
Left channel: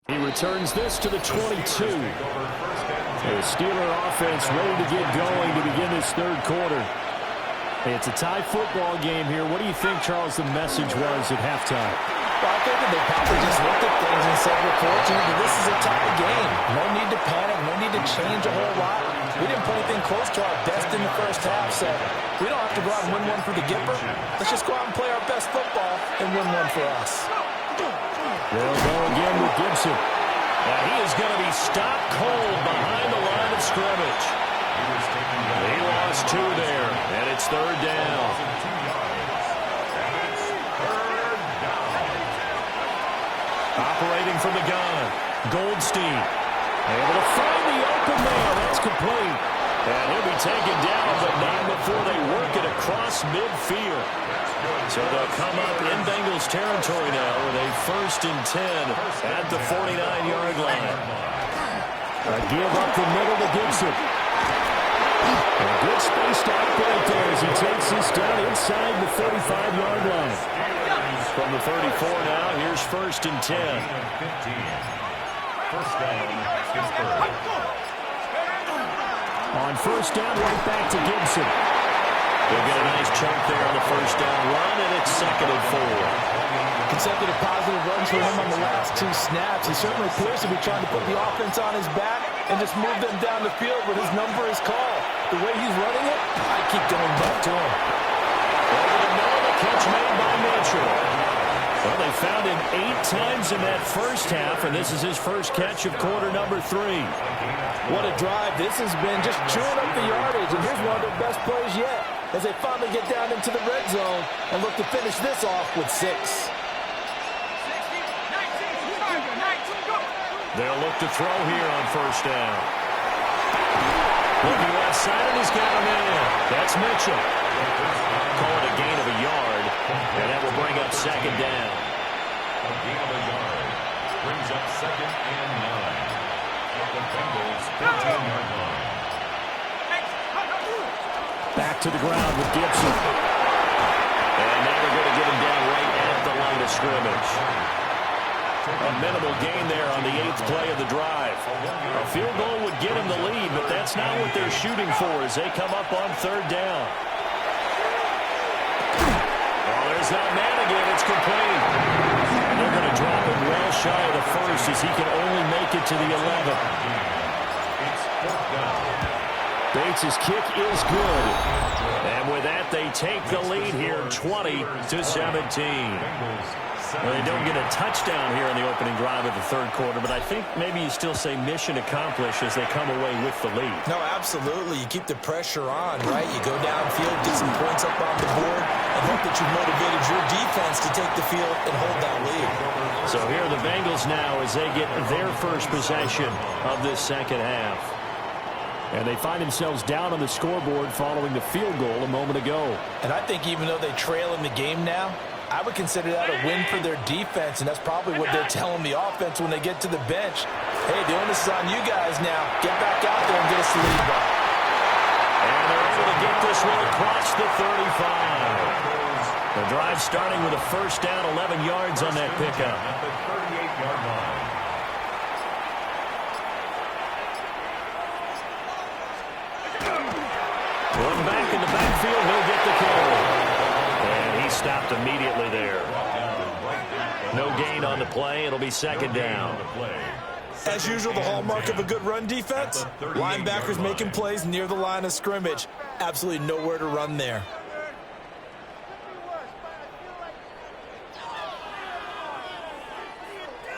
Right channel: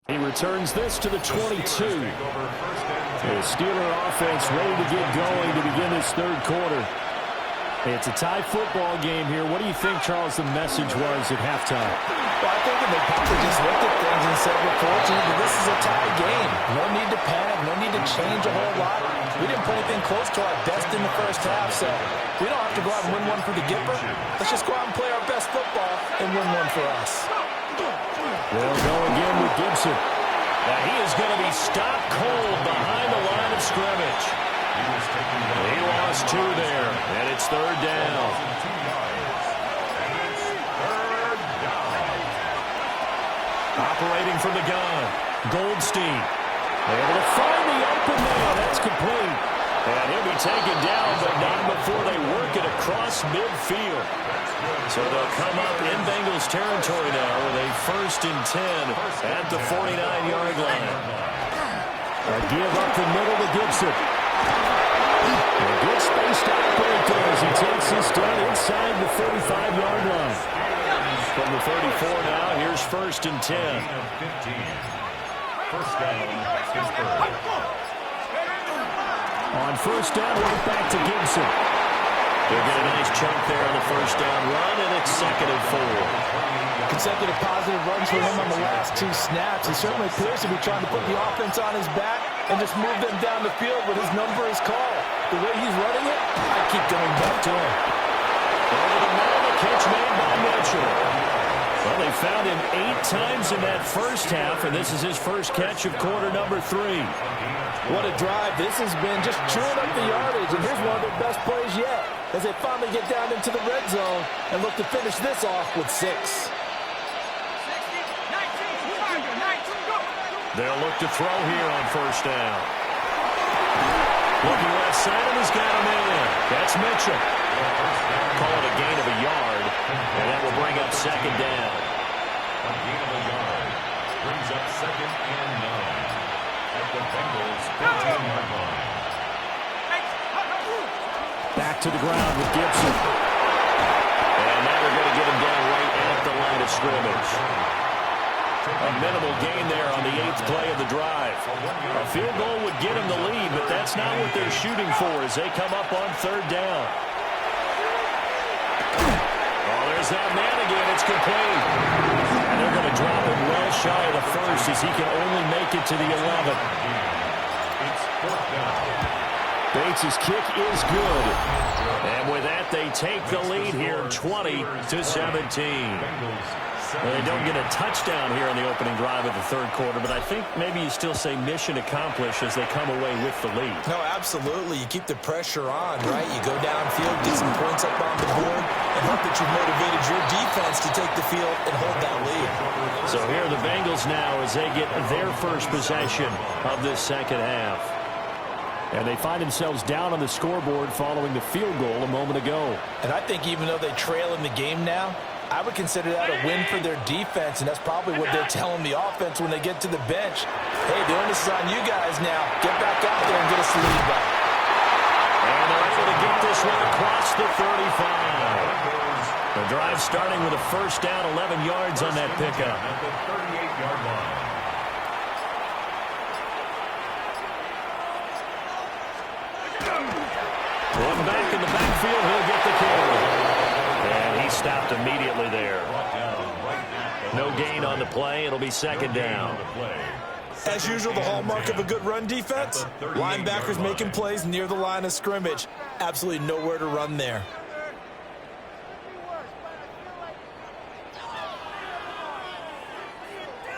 He returns this to the 22. The Steeler offense ready to get going to begin this third quarter. It's a tie football game here. What do you think, Charles, the message was at halftime? Well, I think they probably just looked at things and said, we're fortunate that this is a tie game. No need to panic. No need to change a whole lot. We didn't put anything close to our best in the first half, so we don't have to go out and win one for the Gipper. Let's just go out and play our best football and win one for us. They'll go again with Gibson. Now he is going to be stopped cold behind the line of scrimmage. He lost 2 there, and it's third down. Operating from the gun, Goldstein. Able to find the open man. That's complete. And he'll be taken down, but not before they work it across midfield. So they'll come up in Bengals territory now with a 1st and 10 at the 49-yard line. A give up the middle to Gibson. A good space to operate there as he takes this down inside the 35-yard line. From the 34 now, here's 1st and 10. First down, Pittsburgh. On first down, right back to Gibson. They'll get a nice chunk there on the first down run, and it's 2nd and 4. Consecutive positive runs for him on the last 2 snaps. He certainly appears to be trying to put the offense on his back and just move them down the field, but his number is called. The way he's running it, I keep going back to him. Over the middle, the catch made by Mitchell. Well, they found him 8 times in that first half, and this is his first catch of quarter number 3. What a drive. This has been just chewing up the yardage, and here's one of their best plays yet as they finally get down into the red zone and look to finish this off with 6. 60, 19, 19, go. They'll look to throw here on first down. Looking left side, and he's got him in. That's Mitchell. Call it a gain of a yard, and that will bring up 2nd down. A gain of a yard brings up 2nd and 9 at the Bengals 15-yard line. Back to the ground with Gibson. And now they're going to get him down right at the line of scrimmage. A minimal gain there on the 8th play of the drive. A field goal would get him the lead, but that's not what they're shooting for as they come up on 3rd down. Oh, there's that man again. It's complete. And they're going to drop it well shy of the 1st as he can only make it to the 11th. It's 4th down. Bates' kick is good. And with that, they take the lead here 20-17. Well, they don't get a touchdown here in the opening drive of the 3rd quarter, but I think maybe you still say mission accomplished as they come away with the lead. No, absolutely. You keep the pressure on, right? You go downfield, get some points up on the board, and hope that you've motivated your defense to take the field and hold that lead. So here are the Bengals now as they get their first possession of this second half. And they find themselves down on the scoreboard following the field goal a moment ago. And I think even though they trail in the game now, I would consider that a win for their defense, and that's probably what they're telling the offense when they get to the bench. Hey, the onus is on you guys now. Get back out there and get us the lead back. And they're able to get this one across the 35. The drive starting with a first down, 11 yards on that pickup. At the 38-yard line. One back in the backfield, he'll get the carry. And he stopped immediately there. No gain on the play. It'll be second down. As usual, the hallmark of a good run defense, linebackers making plays near the line of scrimmage. Absolutely nowhere to run there.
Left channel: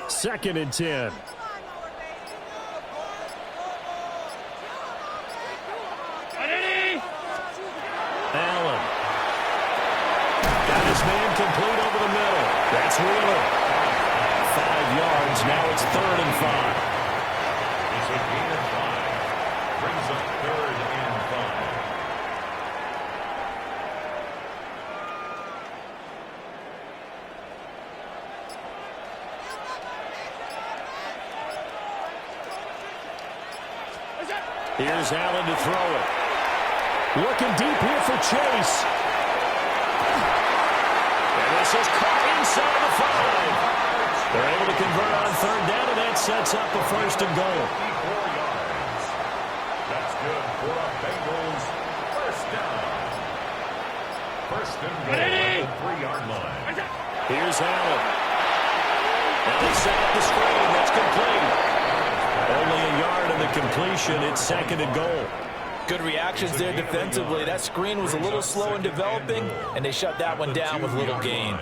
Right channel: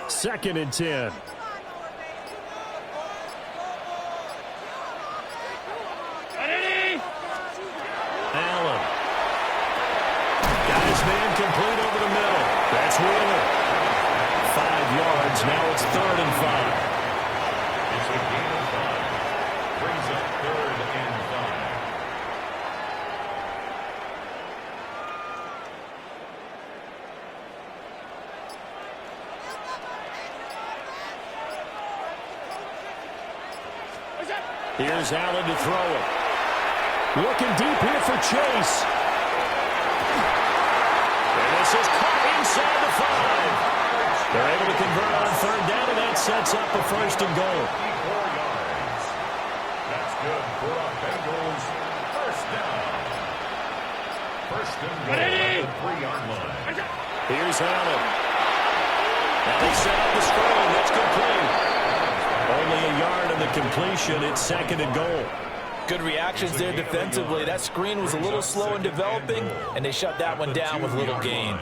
Second and 10. Allen. Got his man complete over the middle. That's Wheeler. 5 yards. Now it's 3rd and 5. It's a gain of 5. Brings up 3rd and 5. Here's Allen to throw it. Looking deep here for Chase. And this is caught inside the 5. They're able to convert on 3rd down, and that sets up a 1st and goal. 54 yards. That's good for a Bengals 1st down. 1st and goal at the 3-yard line. Here's Allen. Now they set up the screen. That's complete. Only a yard in the completion. It's 2nd and goal. Good reactions there defensively. That screen was a little slow in developing, and they shut that one down with little gain.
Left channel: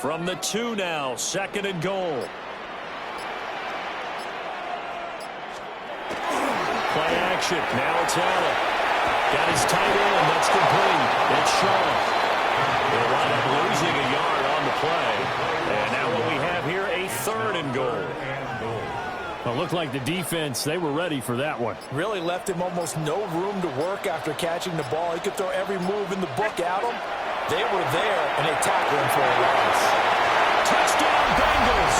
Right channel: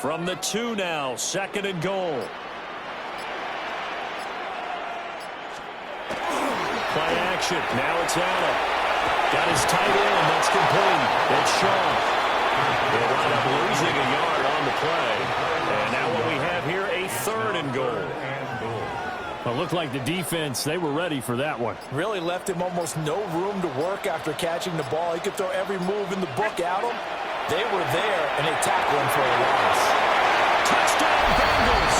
From the 2 now, 2nd and goal. Play action. Now it's Allen. Got his tight end. That's complete. It's Shaw. He'll wind up losing a yard on the play. And now what we have here, a 3rd and goal. Well, it looked like the defense, they were ready for that one. Really left him almost no room to work after catching the ball. He could throw every move in the book at him. They were there, and they tackled him for a loss. Touchdown, Bengals!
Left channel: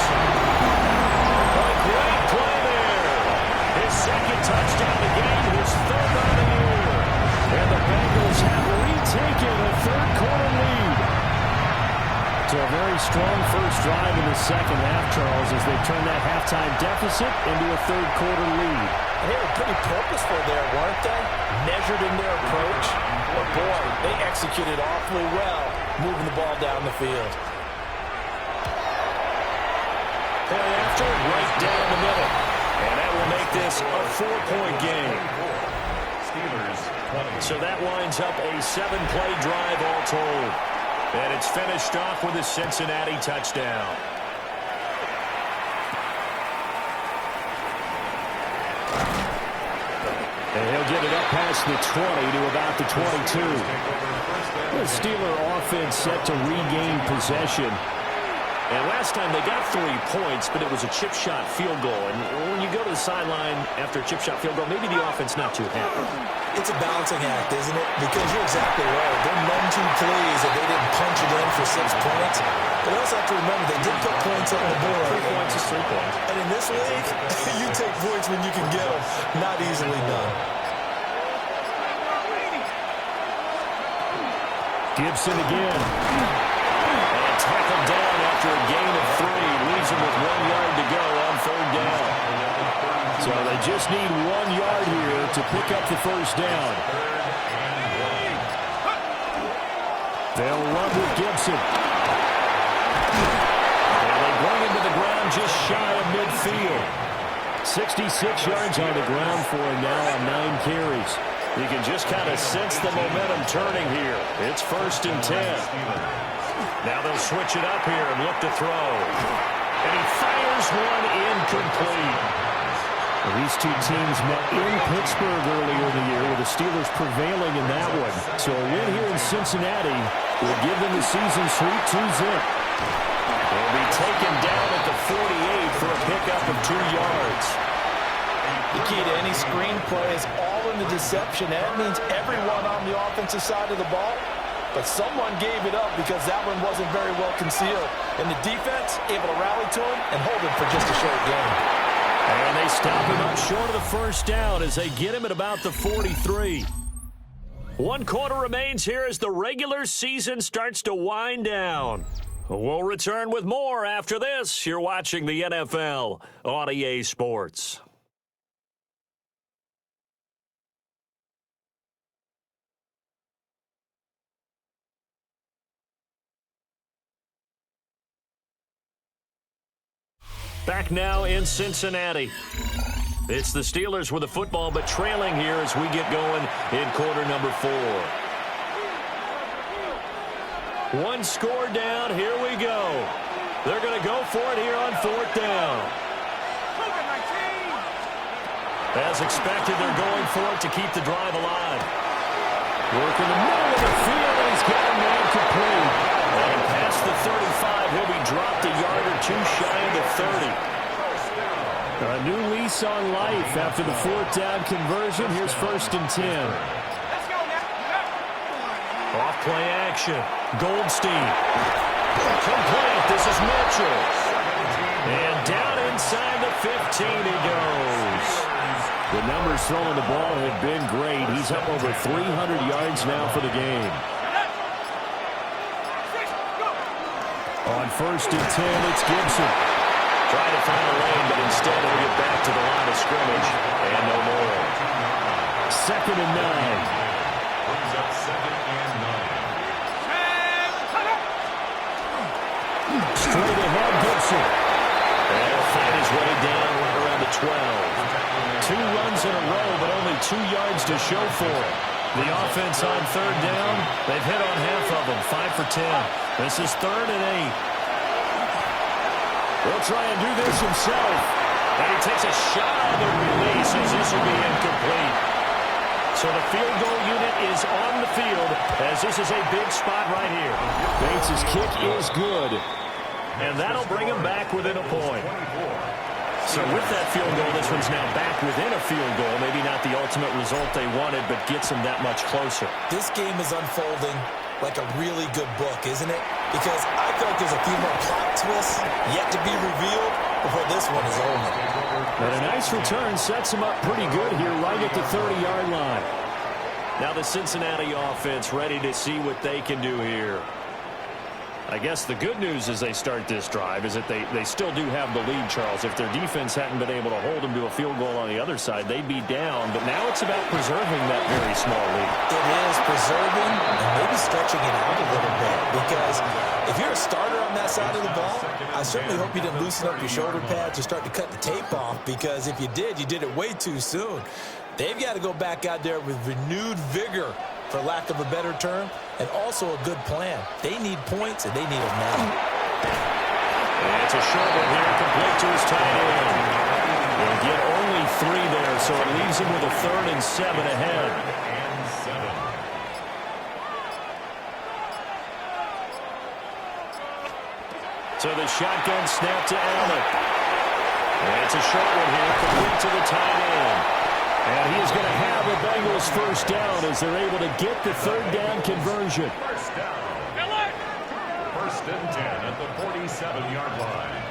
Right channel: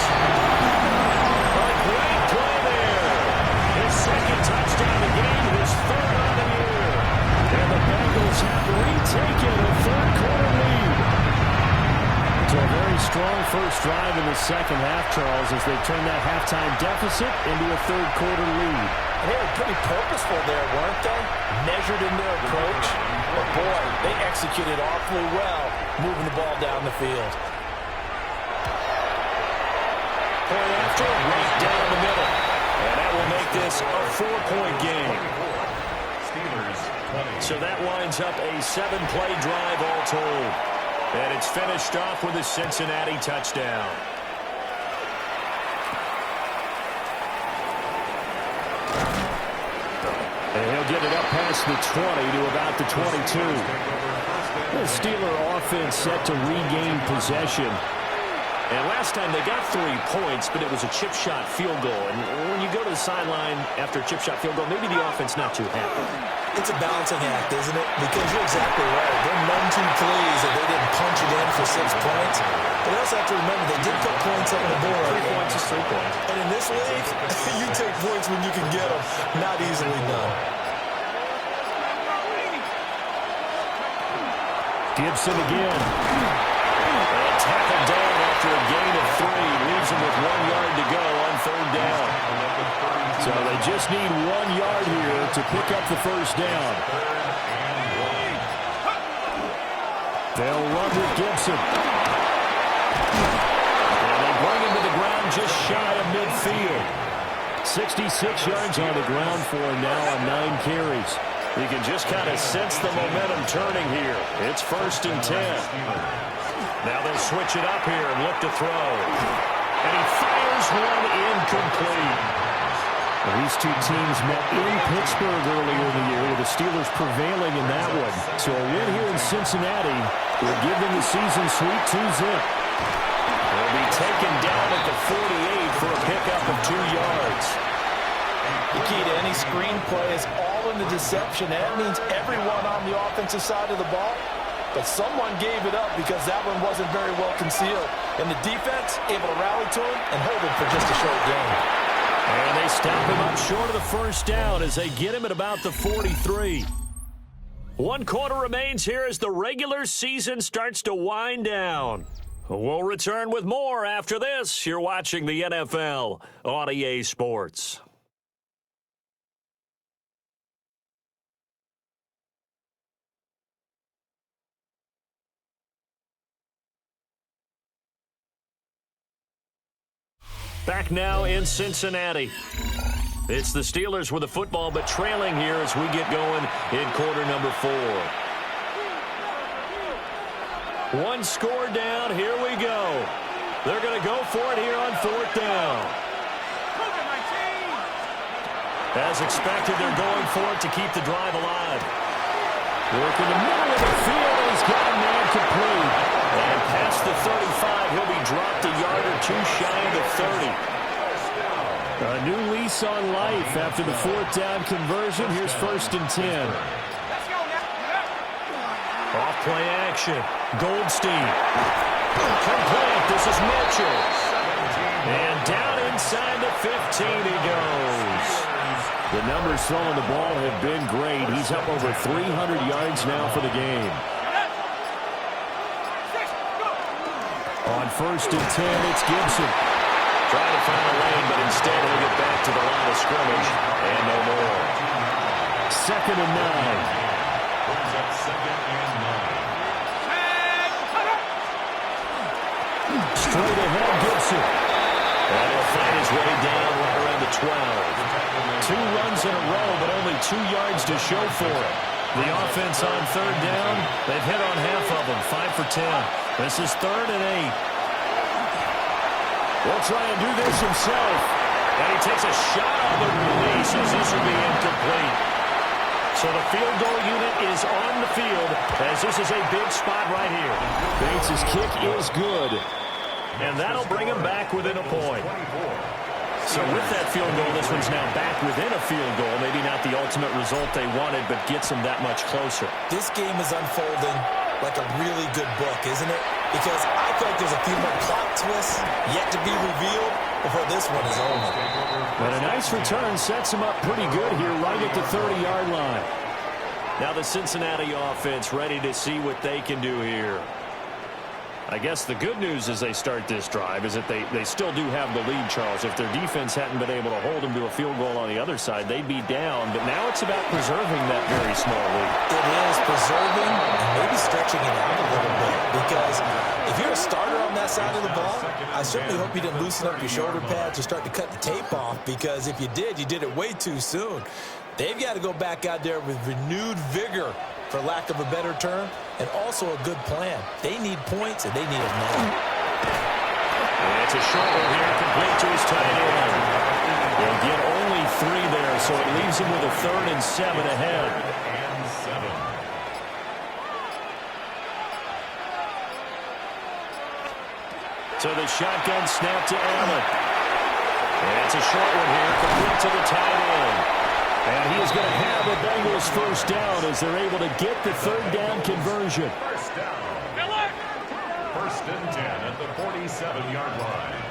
A great play there. His 2nd touchdown of the game, his 3rd on the year. And the Bengals have retaken a 3rd-quarter lead. So a very strong first drive in the 2nd half, Charles, as they turn that halftime deficit into a 3rd-quarter lead. And they were pretty purposeful there, weren't they? Measured in their approach. But, boy, they executed awfully well, moving the ball down the field. Point after, right down the middle. And that will make this a 4-point game. Steelers 20. So that winds up a 7-play drive all told. And it's finished off with a Cincinnati touchdown. And he'll get it up past the 20 to about the 22. The Steeler offense set to regain possession. And last time they got 3 points, but it was a chip shot field goal. And when you go to the sideline after a chip shot field goal, maybe the offense not too happy. It's a balancing act, isn't it? Because you're exactly right. They're none too pleased that they didn't punch it in for 6 points. But also have to remember they did put points on the board. 3 points is 3 points. And in this league, you take points when you can get them. Not easily done. Gibson again. And tackled down after a gain of 3. Leaves him with 1 yard to go on 3rd down. So they just need 1 yard here to pick up the first down. They'll run with Gibson. And they bring him to the ground just shy of midfield. 66 yards on the ground for him now on 9 carries. You can just kind of sense the momentum turning here. It's 1st and 10. Now they'll switch it up here and look to throw. And he fires one incomplete. Well, these two teams met in Pittsburgh earlier in the year with the Steelers prevailing in that one. So a win here in Cincinnati will give them the season sweep 2-zip. They'll be taken down at the 48 for a pickup of 2 yards. The key to any screenplay is all in the deception. That means everyone on the offensive side of the ball, but someone gave it up because that one wasn't very well concealed. And the defense able to rally to him and hold him for just a short game. And they stop him up short of the first down as they get him at about the 43. 1 quarter remains here as the regular season starts to wind down. We'll return with more after this. You're watching the NFL on EA Sports. Back now in Cincinnati. It's the Steelers with the football, but trailing here as we get going in quarter number 4. 1 score down. Here we go. They're going to go for it here on 4th down. As expected, they're going for it to keep the drive alive. Work in the middle of the field, and he's got a man complete. And past the 35, he'll be dropped a yard or 2 shy of the 30. A new lease on life after the 4th down conversion. Here's 1st and 10. Off play action. Goldstein. Complete. This is Mitchell. And down inside the 15 he goes. The numbers throwing the ball have been great. He's up over 300 yards now for the game. On 1st and 10, it's Gibson. Trying to find a lane, but instead he'll get back to the line of scrimmage and no more. 2nd and 9. Brings up 2nd and 9. Straight ahead, Gibson. And he'll fight his way down right around the 12. 2 runs in a row, but only 2 yards to show for it. The offense on 3rd down, they've hit on half of them, 5 for 10. This is 3rd and 8. He'll try and do this himself. And he takes a shot on the release as this will be incomplete. So the field goal unit is on the field as this is a big spot right here. Bates' kick is good. And that'll bring him back within a point. So with that field goal, this one's now back within a field goal. Maybe not the ultimate result they wanted, but gets them that much closer. This game is unfolding like a really good book, isn't it? Because I feel like there's a few more plot twists yet to be revealed before this one is over. But a nice return sets him up pretty good here right at the 30-yard line. Now the Cincinnati offense ready to see what they can do here. I guess the good news as they start this drive is that they still do have the lead, Charles. If their defense hadn't been able to hold them to a field goal on the other side, they'd be down. But now it's about preserving that very small lead. It is preserving and maybe stretching it out a little bit. Because if you're a starter on that side of the ball, I certainly hope you didn't loosen up your shoulder pads or start to cut the tape off. Because if you did it way too soon. They've got to go back out there with renewed vigor, for lack of a better term, and also a good plan. They need points, and they need them now. And it's a short one here, complete to his tight end. He'll get only 3 there, so it leaves him with a 3rd and 7 ahead. So the shotgun snap to Allen. And it's a short one here, complete to the tight end. And he is going to have a Bengals 1st down as they're able to get the 3rd down conversion. 1st down. 1st and 10 at the 47-yard line.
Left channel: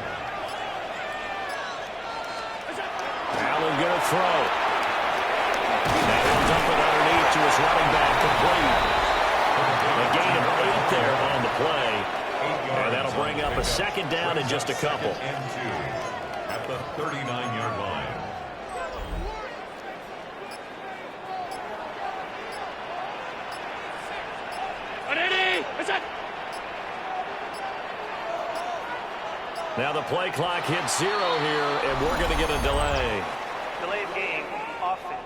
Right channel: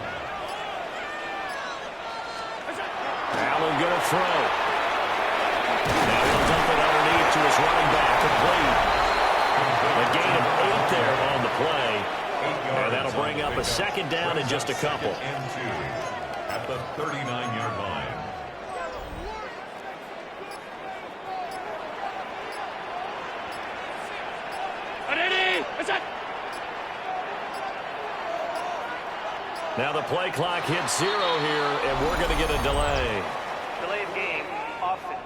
Allen going to throw. Now he'll dump it underneath to his running back, complete. A gain of 8 there on the play. And that'll bring up a 2nd down in just a couple. And 2 at the 39-yard line. Now the play clock hits 0 here, and we're going to get a delay. Delay of game, offense.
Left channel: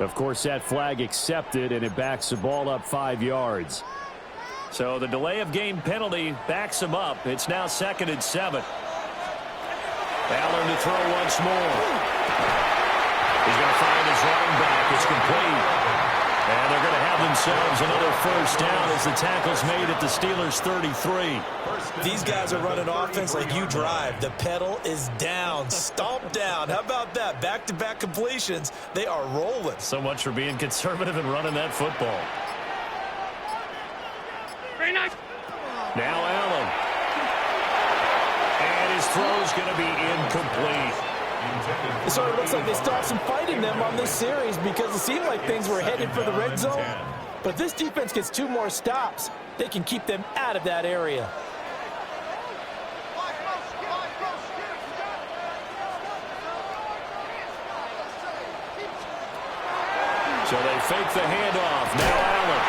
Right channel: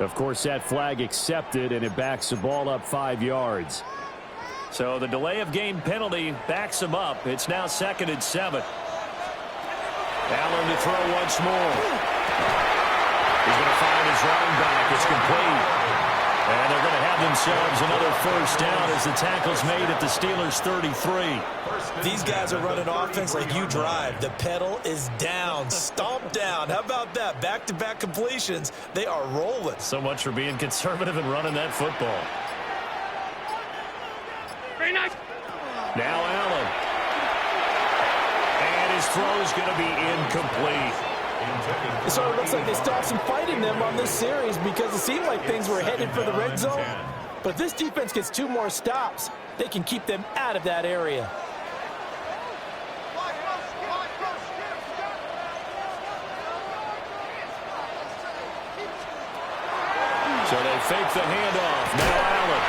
Of course, that flag accepted, and it backs the ball up 5 yards. So the delay of game penalty backs him up. It's now 2nd and 7. Allen to throw once more. He's going to find his running back. It's complete. And they're going to have themselves another first down as the tackle's made at the Steelers' 33. These guys are running offense like you drive. The pedal is down, stomp down. How about that? Back-to-back completions. They are rolling. So much for being conservative and running that football. Very nice. Now Allen. And his throw's going to be incomplete. It sort of looks like they still have some fight in them on this series because it seemed like things were headed for the red zone. But if this defense gets 2 more stops, they can keep them out of that area. So they fake the handoff. Now Allen.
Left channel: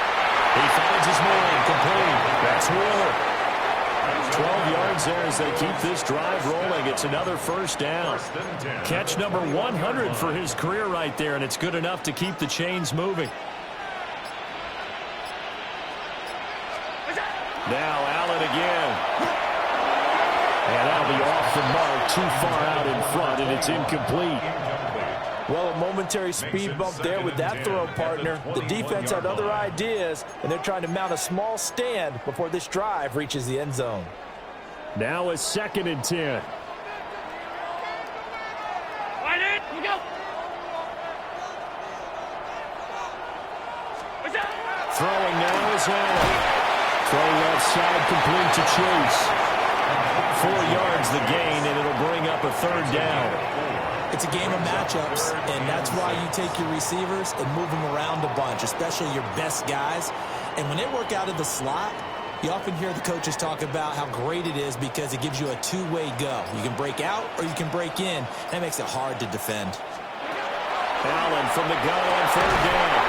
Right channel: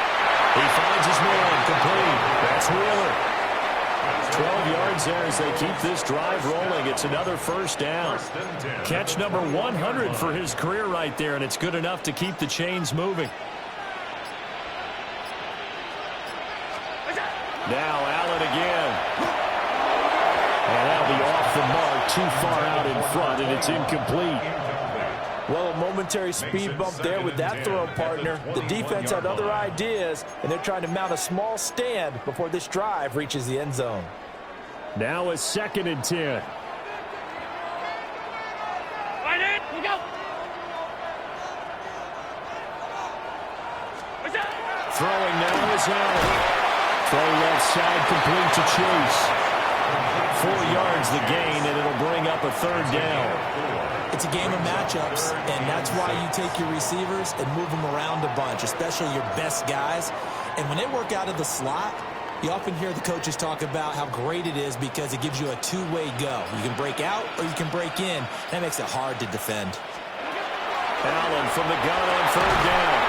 He finds his man complete. That's Wheeler. 12 yards there as they keep this drive rolling. It's another first down. Catch number 100 for his career right there, and it's good enough to keep the chains moving. Now Allen again. And that'll be off the mark, too far out in front, and it's incomplete. Well, a momentary speed bump there with that throw, partner. The defense had other ideas, and they're trying to mount a small stand before this drive reaches the end zone. Now a 2nd and 10. Right in. You go. What's that? Throwing now is Allen. Throw left side complete to Chase. 4 yards the gain, and it'll bring up a 3rd down. It's a game of matchups, and that's why you take your receivers and move them around a bunch, especially your best guys. And when they work out of the slot, you often hear the coaches talk about how great it is because it gives you a 2-way go. You can break out or you can break in. That makes it hard to defend. Allen from the gun on 3rd down.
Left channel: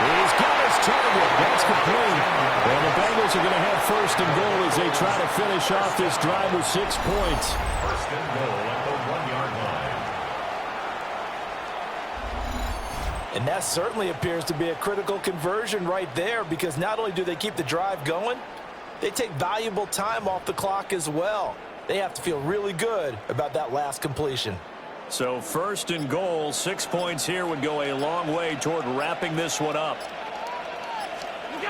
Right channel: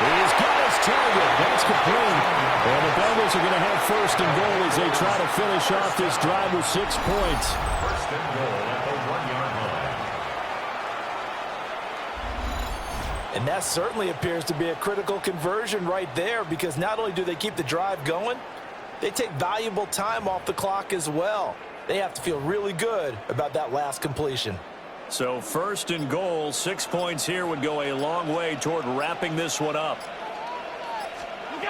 He's got his target. That's complete. And the Bengals are going to have 1st and goal as they try to finish off this drive with 6 points. 1st and goal at the 1-yard line. And that certainly appears to be a critical conversion right there because not only do they keep the drive going, they take valuable time off the clock as well. They have to feel really good about that last completion. So 1st and goal, 6 points here would go a long way toward wrapping this one up. They'll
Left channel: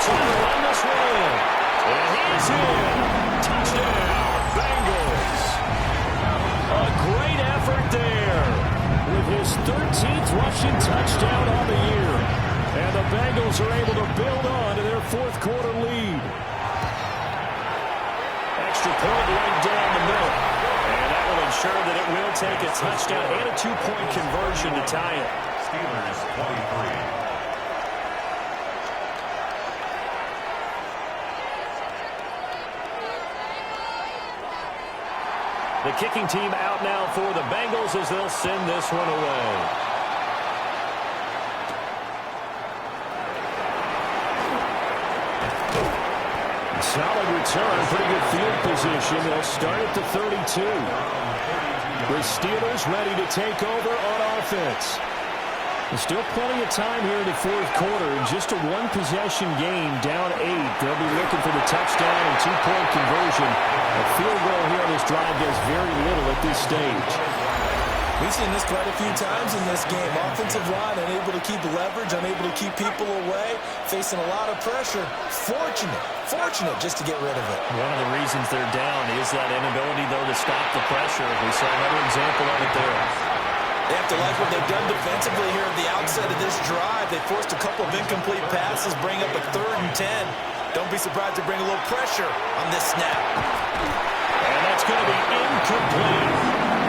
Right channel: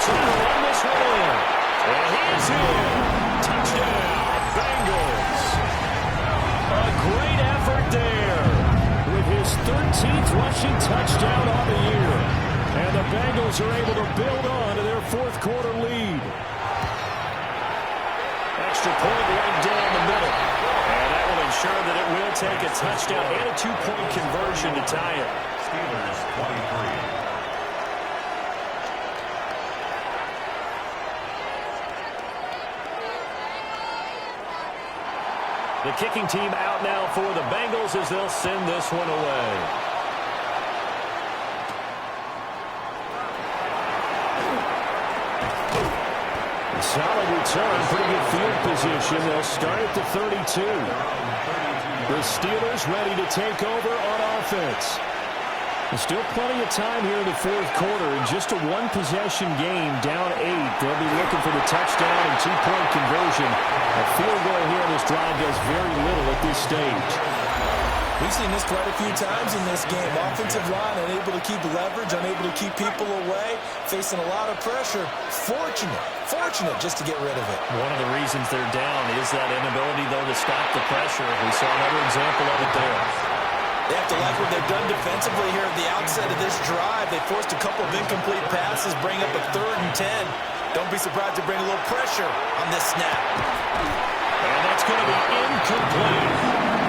try to run this one in. And he's in. Touchdown, Bengals. A great effort there with his 13th rushing touchdown on the year. And the Bengals are able to build on to their 4th quarter lead. Extra point right down the middle. And that will ensure that it will take a touchdown and a 2-point conversion to tie it. Steelers 23. The kicking team out now for the Bengals as they'll send this one away. Solid return, pretty good field position. They'll start at the 32. The Steelers ready to take over on offense. There's still plenty of time here in the 4th quarter. In just a 1-possession game, down 8. They'll be looking for the touchdown and 2-point conversion. A field goal here on this drive does very little at this stage. We've seen this quite a few times in this game. Offensive line unable to keep leverage, unable to keep people away, facing a lot of pressure. Fortunate just to get rid of it. One of the reasons they're down is that inability, though, to stop the pressure. We saw another example of it there. They have to like what they've done defensively here at the outset of this drive. They forced a couple of incomplete passes, bring up a 3rd and 10. Don't be surprised to bring a little pressure on this snap. And that's going to be incomplete.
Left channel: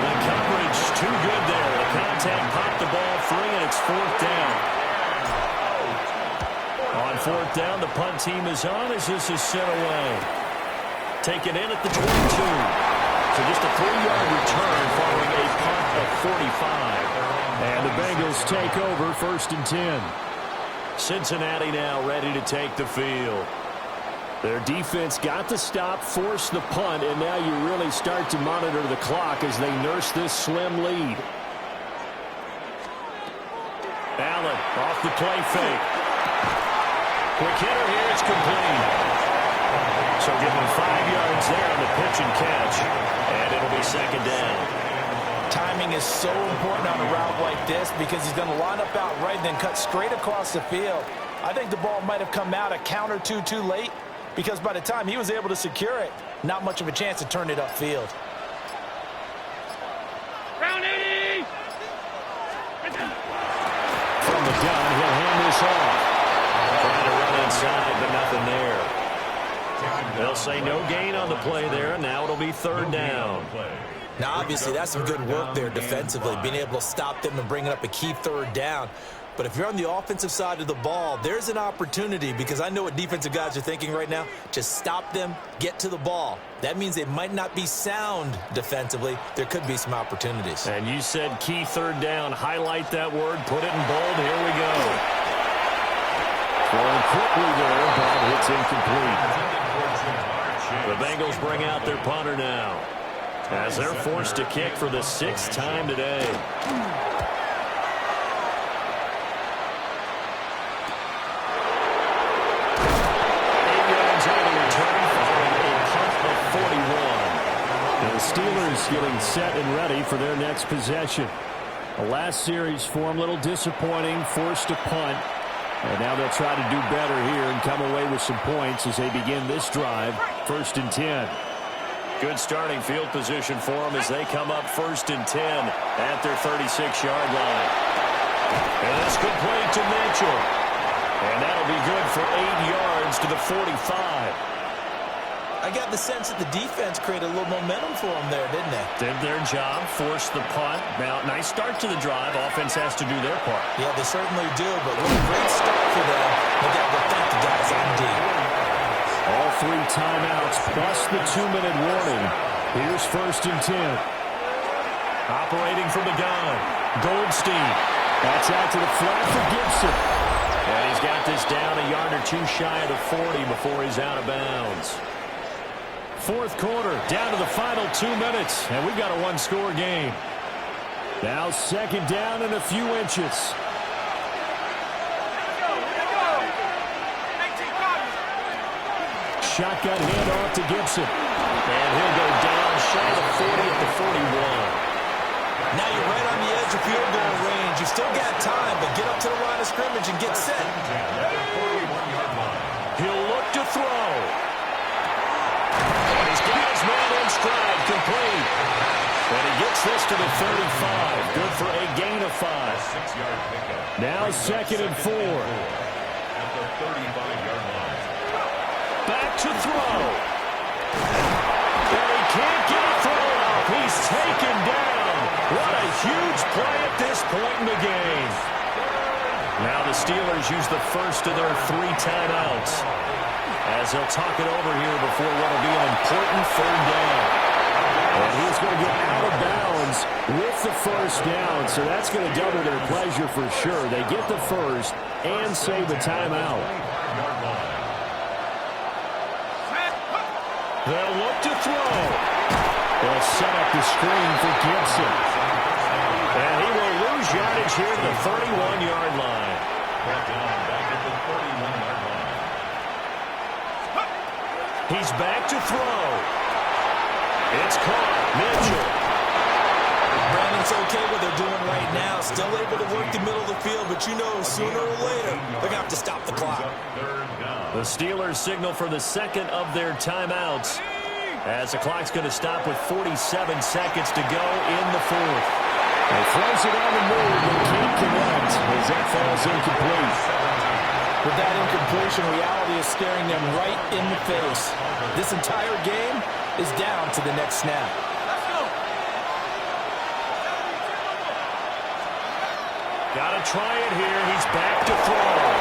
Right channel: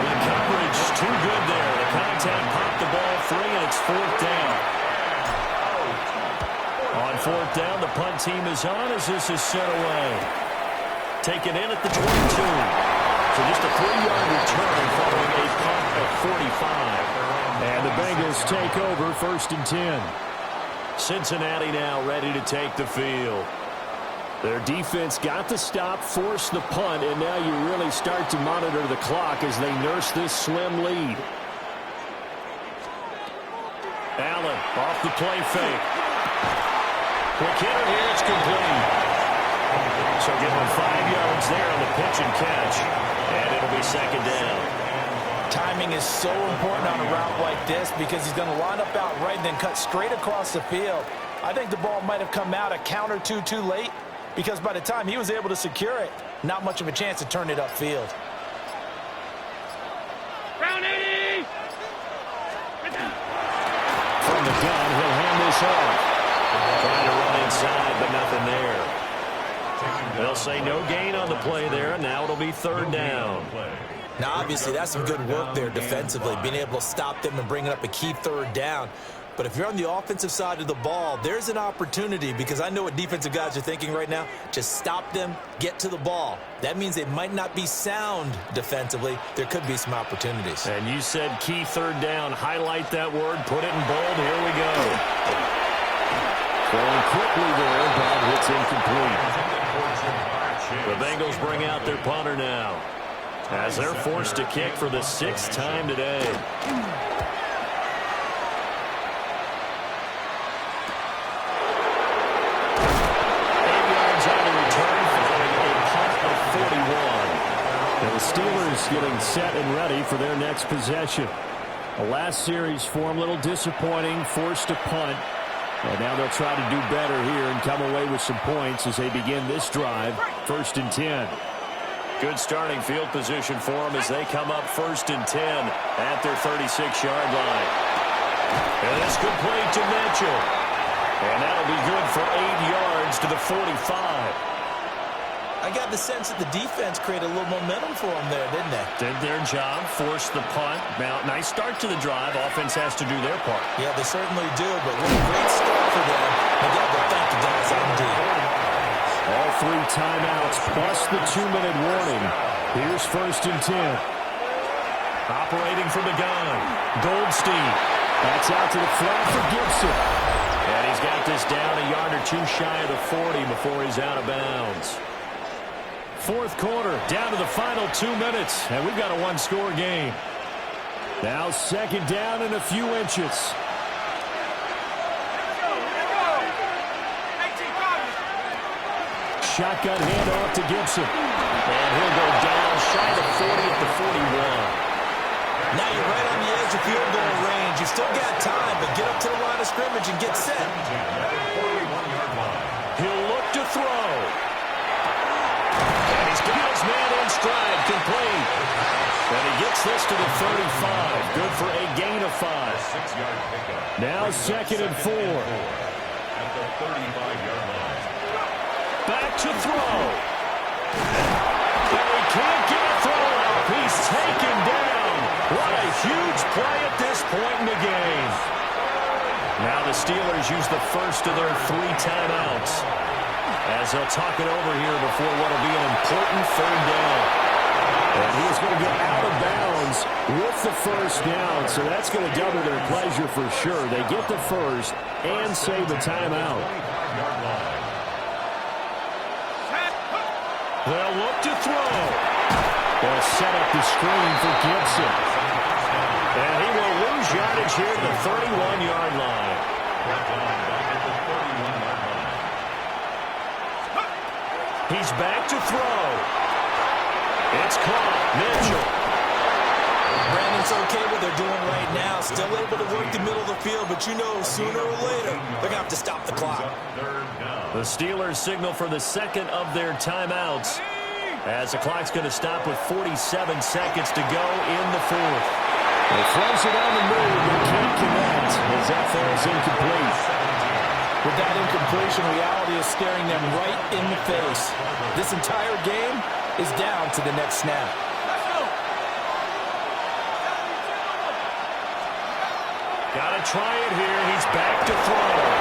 The coverage too good there. The contact popped the ball free, and it's 4th down. On 4th down, the punt team is on as this is sent away. Taken in at the 22. So just a 3-yard return following a punt of 45. And the Bengals take over 1st and 10. Cincinnati now ready to take the field. Their defense got the stop, forced the punt, and now you really start to monitor the clock as they nurse this slim lead. Allen off the play fake. Quick hitter here, it's complete. So give him 5 yards there on the pitch and catch, and it'll be 2nd down. Timing is so important on a route like this because he's going to line up out right and then cut straight across the field. I think the ball might have come out a count or two too late because by the time he was able to secure it, not much of a chance to turn it upfield. Round 80! From the gun, he'll hand this off. Trying to run inside, but nothing there. They'll say no gain on the play there, and now it'll be third down. Now, obviously, that's some good work there defensively, being able to stop them and bringing up a key third down. But if you're on the offensive side of the ball, there's an opportunity because I know what defensive guys are thinking right now. Just stop them, get to the ball. That means they might not be sound defensively. There could be some opportunities. And you said key third down. Highlight that word. Put it in bold. Here we go. Throwing quickly there, but it's incomplete. The Bengals bring out their punter now as they're forced to kick for the 6th time today. 8 yards on the return following a punt of 41. Now the Steelers getting set and ready for their next possession. The last series for them, a little disappointing, forced to punt. And now they'll try to do better here and come away with some points as they begin this drive. 1st and 10. Good starting field position for them as they come up 1st and 10 at their 36-yard line. And this complete to Mitchell. And that'll be good for 8 yards to the 45. I got the sense that the defense created a little momentum for them there, didn't they? Did their job, forced the punt. Now, nice start to the drive. Offense has to do their part. Yeah, they certainly do, but what a great start for them. They got to thank the guys on D. All 3 timeouts plus the 2-minute warning. Here's 1st and 10. Operating from the gun. Goldstein. That's out to the flat for Gibson. And he's got this down a yard or two shy of the 40 before he's out of bounds. 4th quarter, down to the final 2 minutes, and we've got a 1-score game. Now 2nd down and a few inches. Shotgun handoff to Gibson. And he'll go down shy of the 40 at the 41. Now you're right on the edge of field goal range. You've still got time, but get up to the line of scrimmage and get set. He'll look to throw. And he's got his man in stride, complete. And he gets this to the 35. Good for a gain of 5. 6-yard pickup. Now 2nd and 4. At the 35-yard line. Back to throw. And he can't get a throw off. He's taken down. What a huge play at this point in the game. Now the Steelers use the first of their 3 timeouts as they'll talk it over here before what will be an important 3rd down. And he's going to get out of bounds with the 1st down, so that's going to double their pleasure for sure. They get the 1st and save a timeout. They'll look to throw. They'll set up the screen for Gibson. And he will lose yardage here at the 31-yard line. Back at the 31-yard line. He's back to throw. It's caught. Mitchell. Brandon's okay what they're doing right now. Still able to work the middle of the field, but you know sooner or later they're going to have to stop the clock. The Steelers signal for the 2nd of their timeouts as the clock's going to stop with 47 seconds to go in the 4th. They throws it on the move but can't connect as that falls incomplete. With that incompletion, reality is staring them right in the face. This entire game is down to the next snap. Got to try it here. He's back to throw.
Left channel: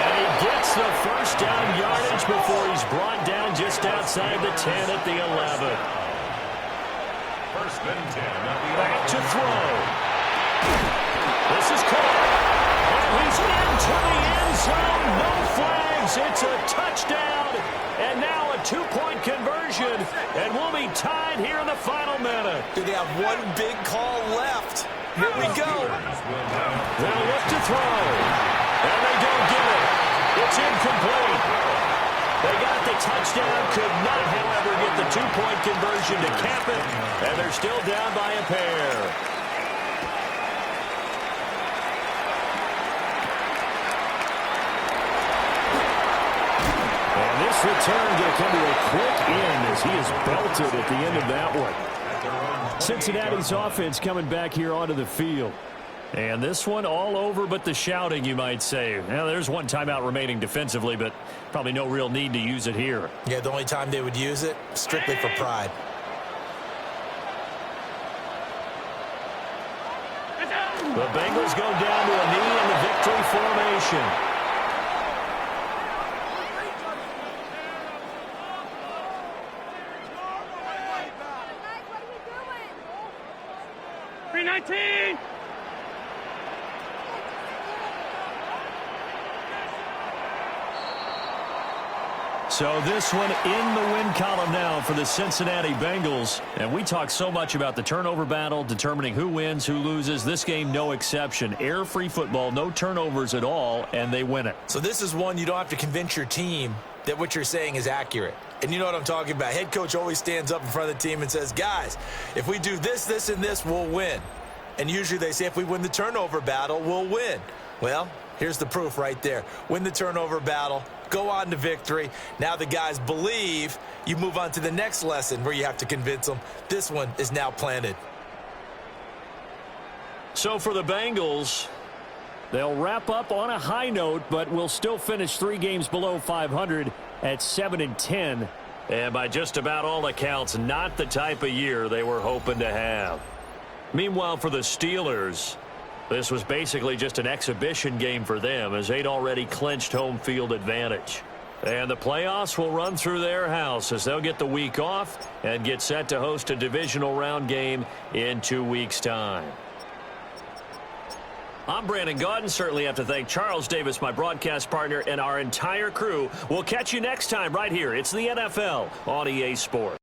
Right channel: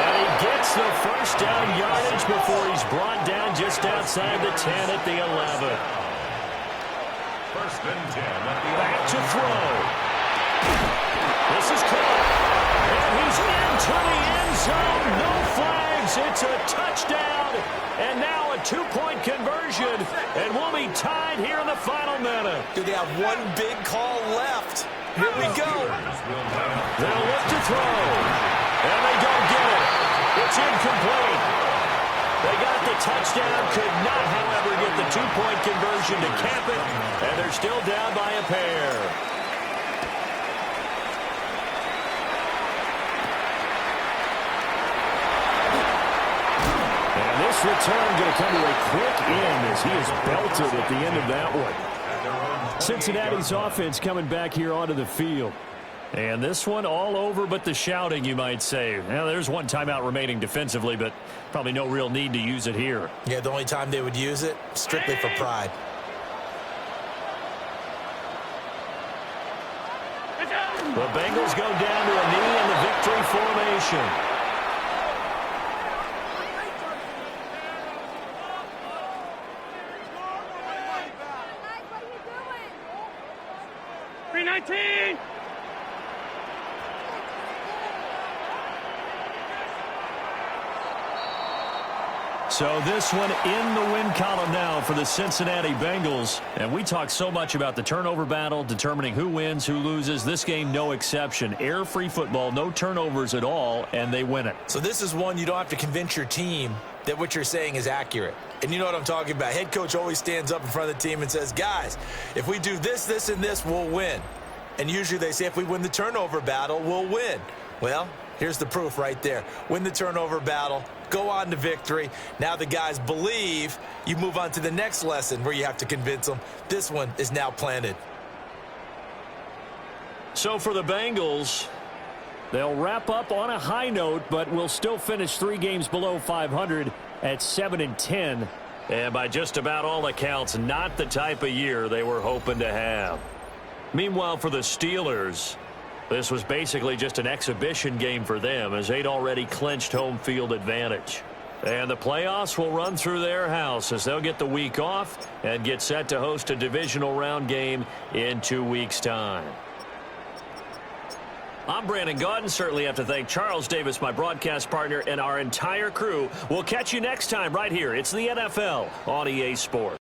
And he gets the 1st down yardage before he's brought down just outside the 10 at the 11. 1st and 10 at the Back to throw. This is caught. And he's into the end zone. No flags. It's a touchdown. And now a 2-point conversion. And we'll be tied here in the final minute. Do they have one big call left? Here we go. They'll look to throw. And they don't get it. It's incomplete. They got the touchdown, could not, however, get the two-point conversion to cap it, and they're still down by a pair. And this return going to come to a quick end as he is belted at the end of that one. Cincinnati's offense coming back here onto the field. And this one all over but the shouting, you might say. Now, there's one timeout remaining defensively, but probably no real need to use it here. Yeah, the only time they would use it, strictly for pride. The Bengals go down to a knee in the victory formation. .319. So this one in the win column now for the Cincinnati Bengals. And we talk so much about the turnover battle, determining who wins, who loses. This game, no exception. Air-free football, no turnovers at all, and they win it. So this is one you don't have to convince your team that what you're saying is accurate. And you know what I'm talking about. Head coach always stands up in front of the team and says, guys, if we do this, this, and this, we'll win. And usually they say if we win the turnover battle, we'll win. Well, here's the proof right there. Win the turnover battle, go on to victory. Now the guys believe. You move on to the next lesson where you have to convince them. This one is now planted. So for the Bengals, they'll wrap up on a high note, but will still finish 3 games below 500 at 7-10. And by just about all accounts, not the type of year they were hoping to have. Meanwhile, for the Steelers, this was basically just an exhibition game for them as they'd already clinched home field advantage. And the playoffs will run through their house as they'll get the week off and get set to host a divisional round game in 2 weeks' time. I'm Brandon Gaudin. Certainly have to thank Charles Davis, my broadcast partner, and our entire crew. We'll catch you next time right here. It's the NFL on EA Sports.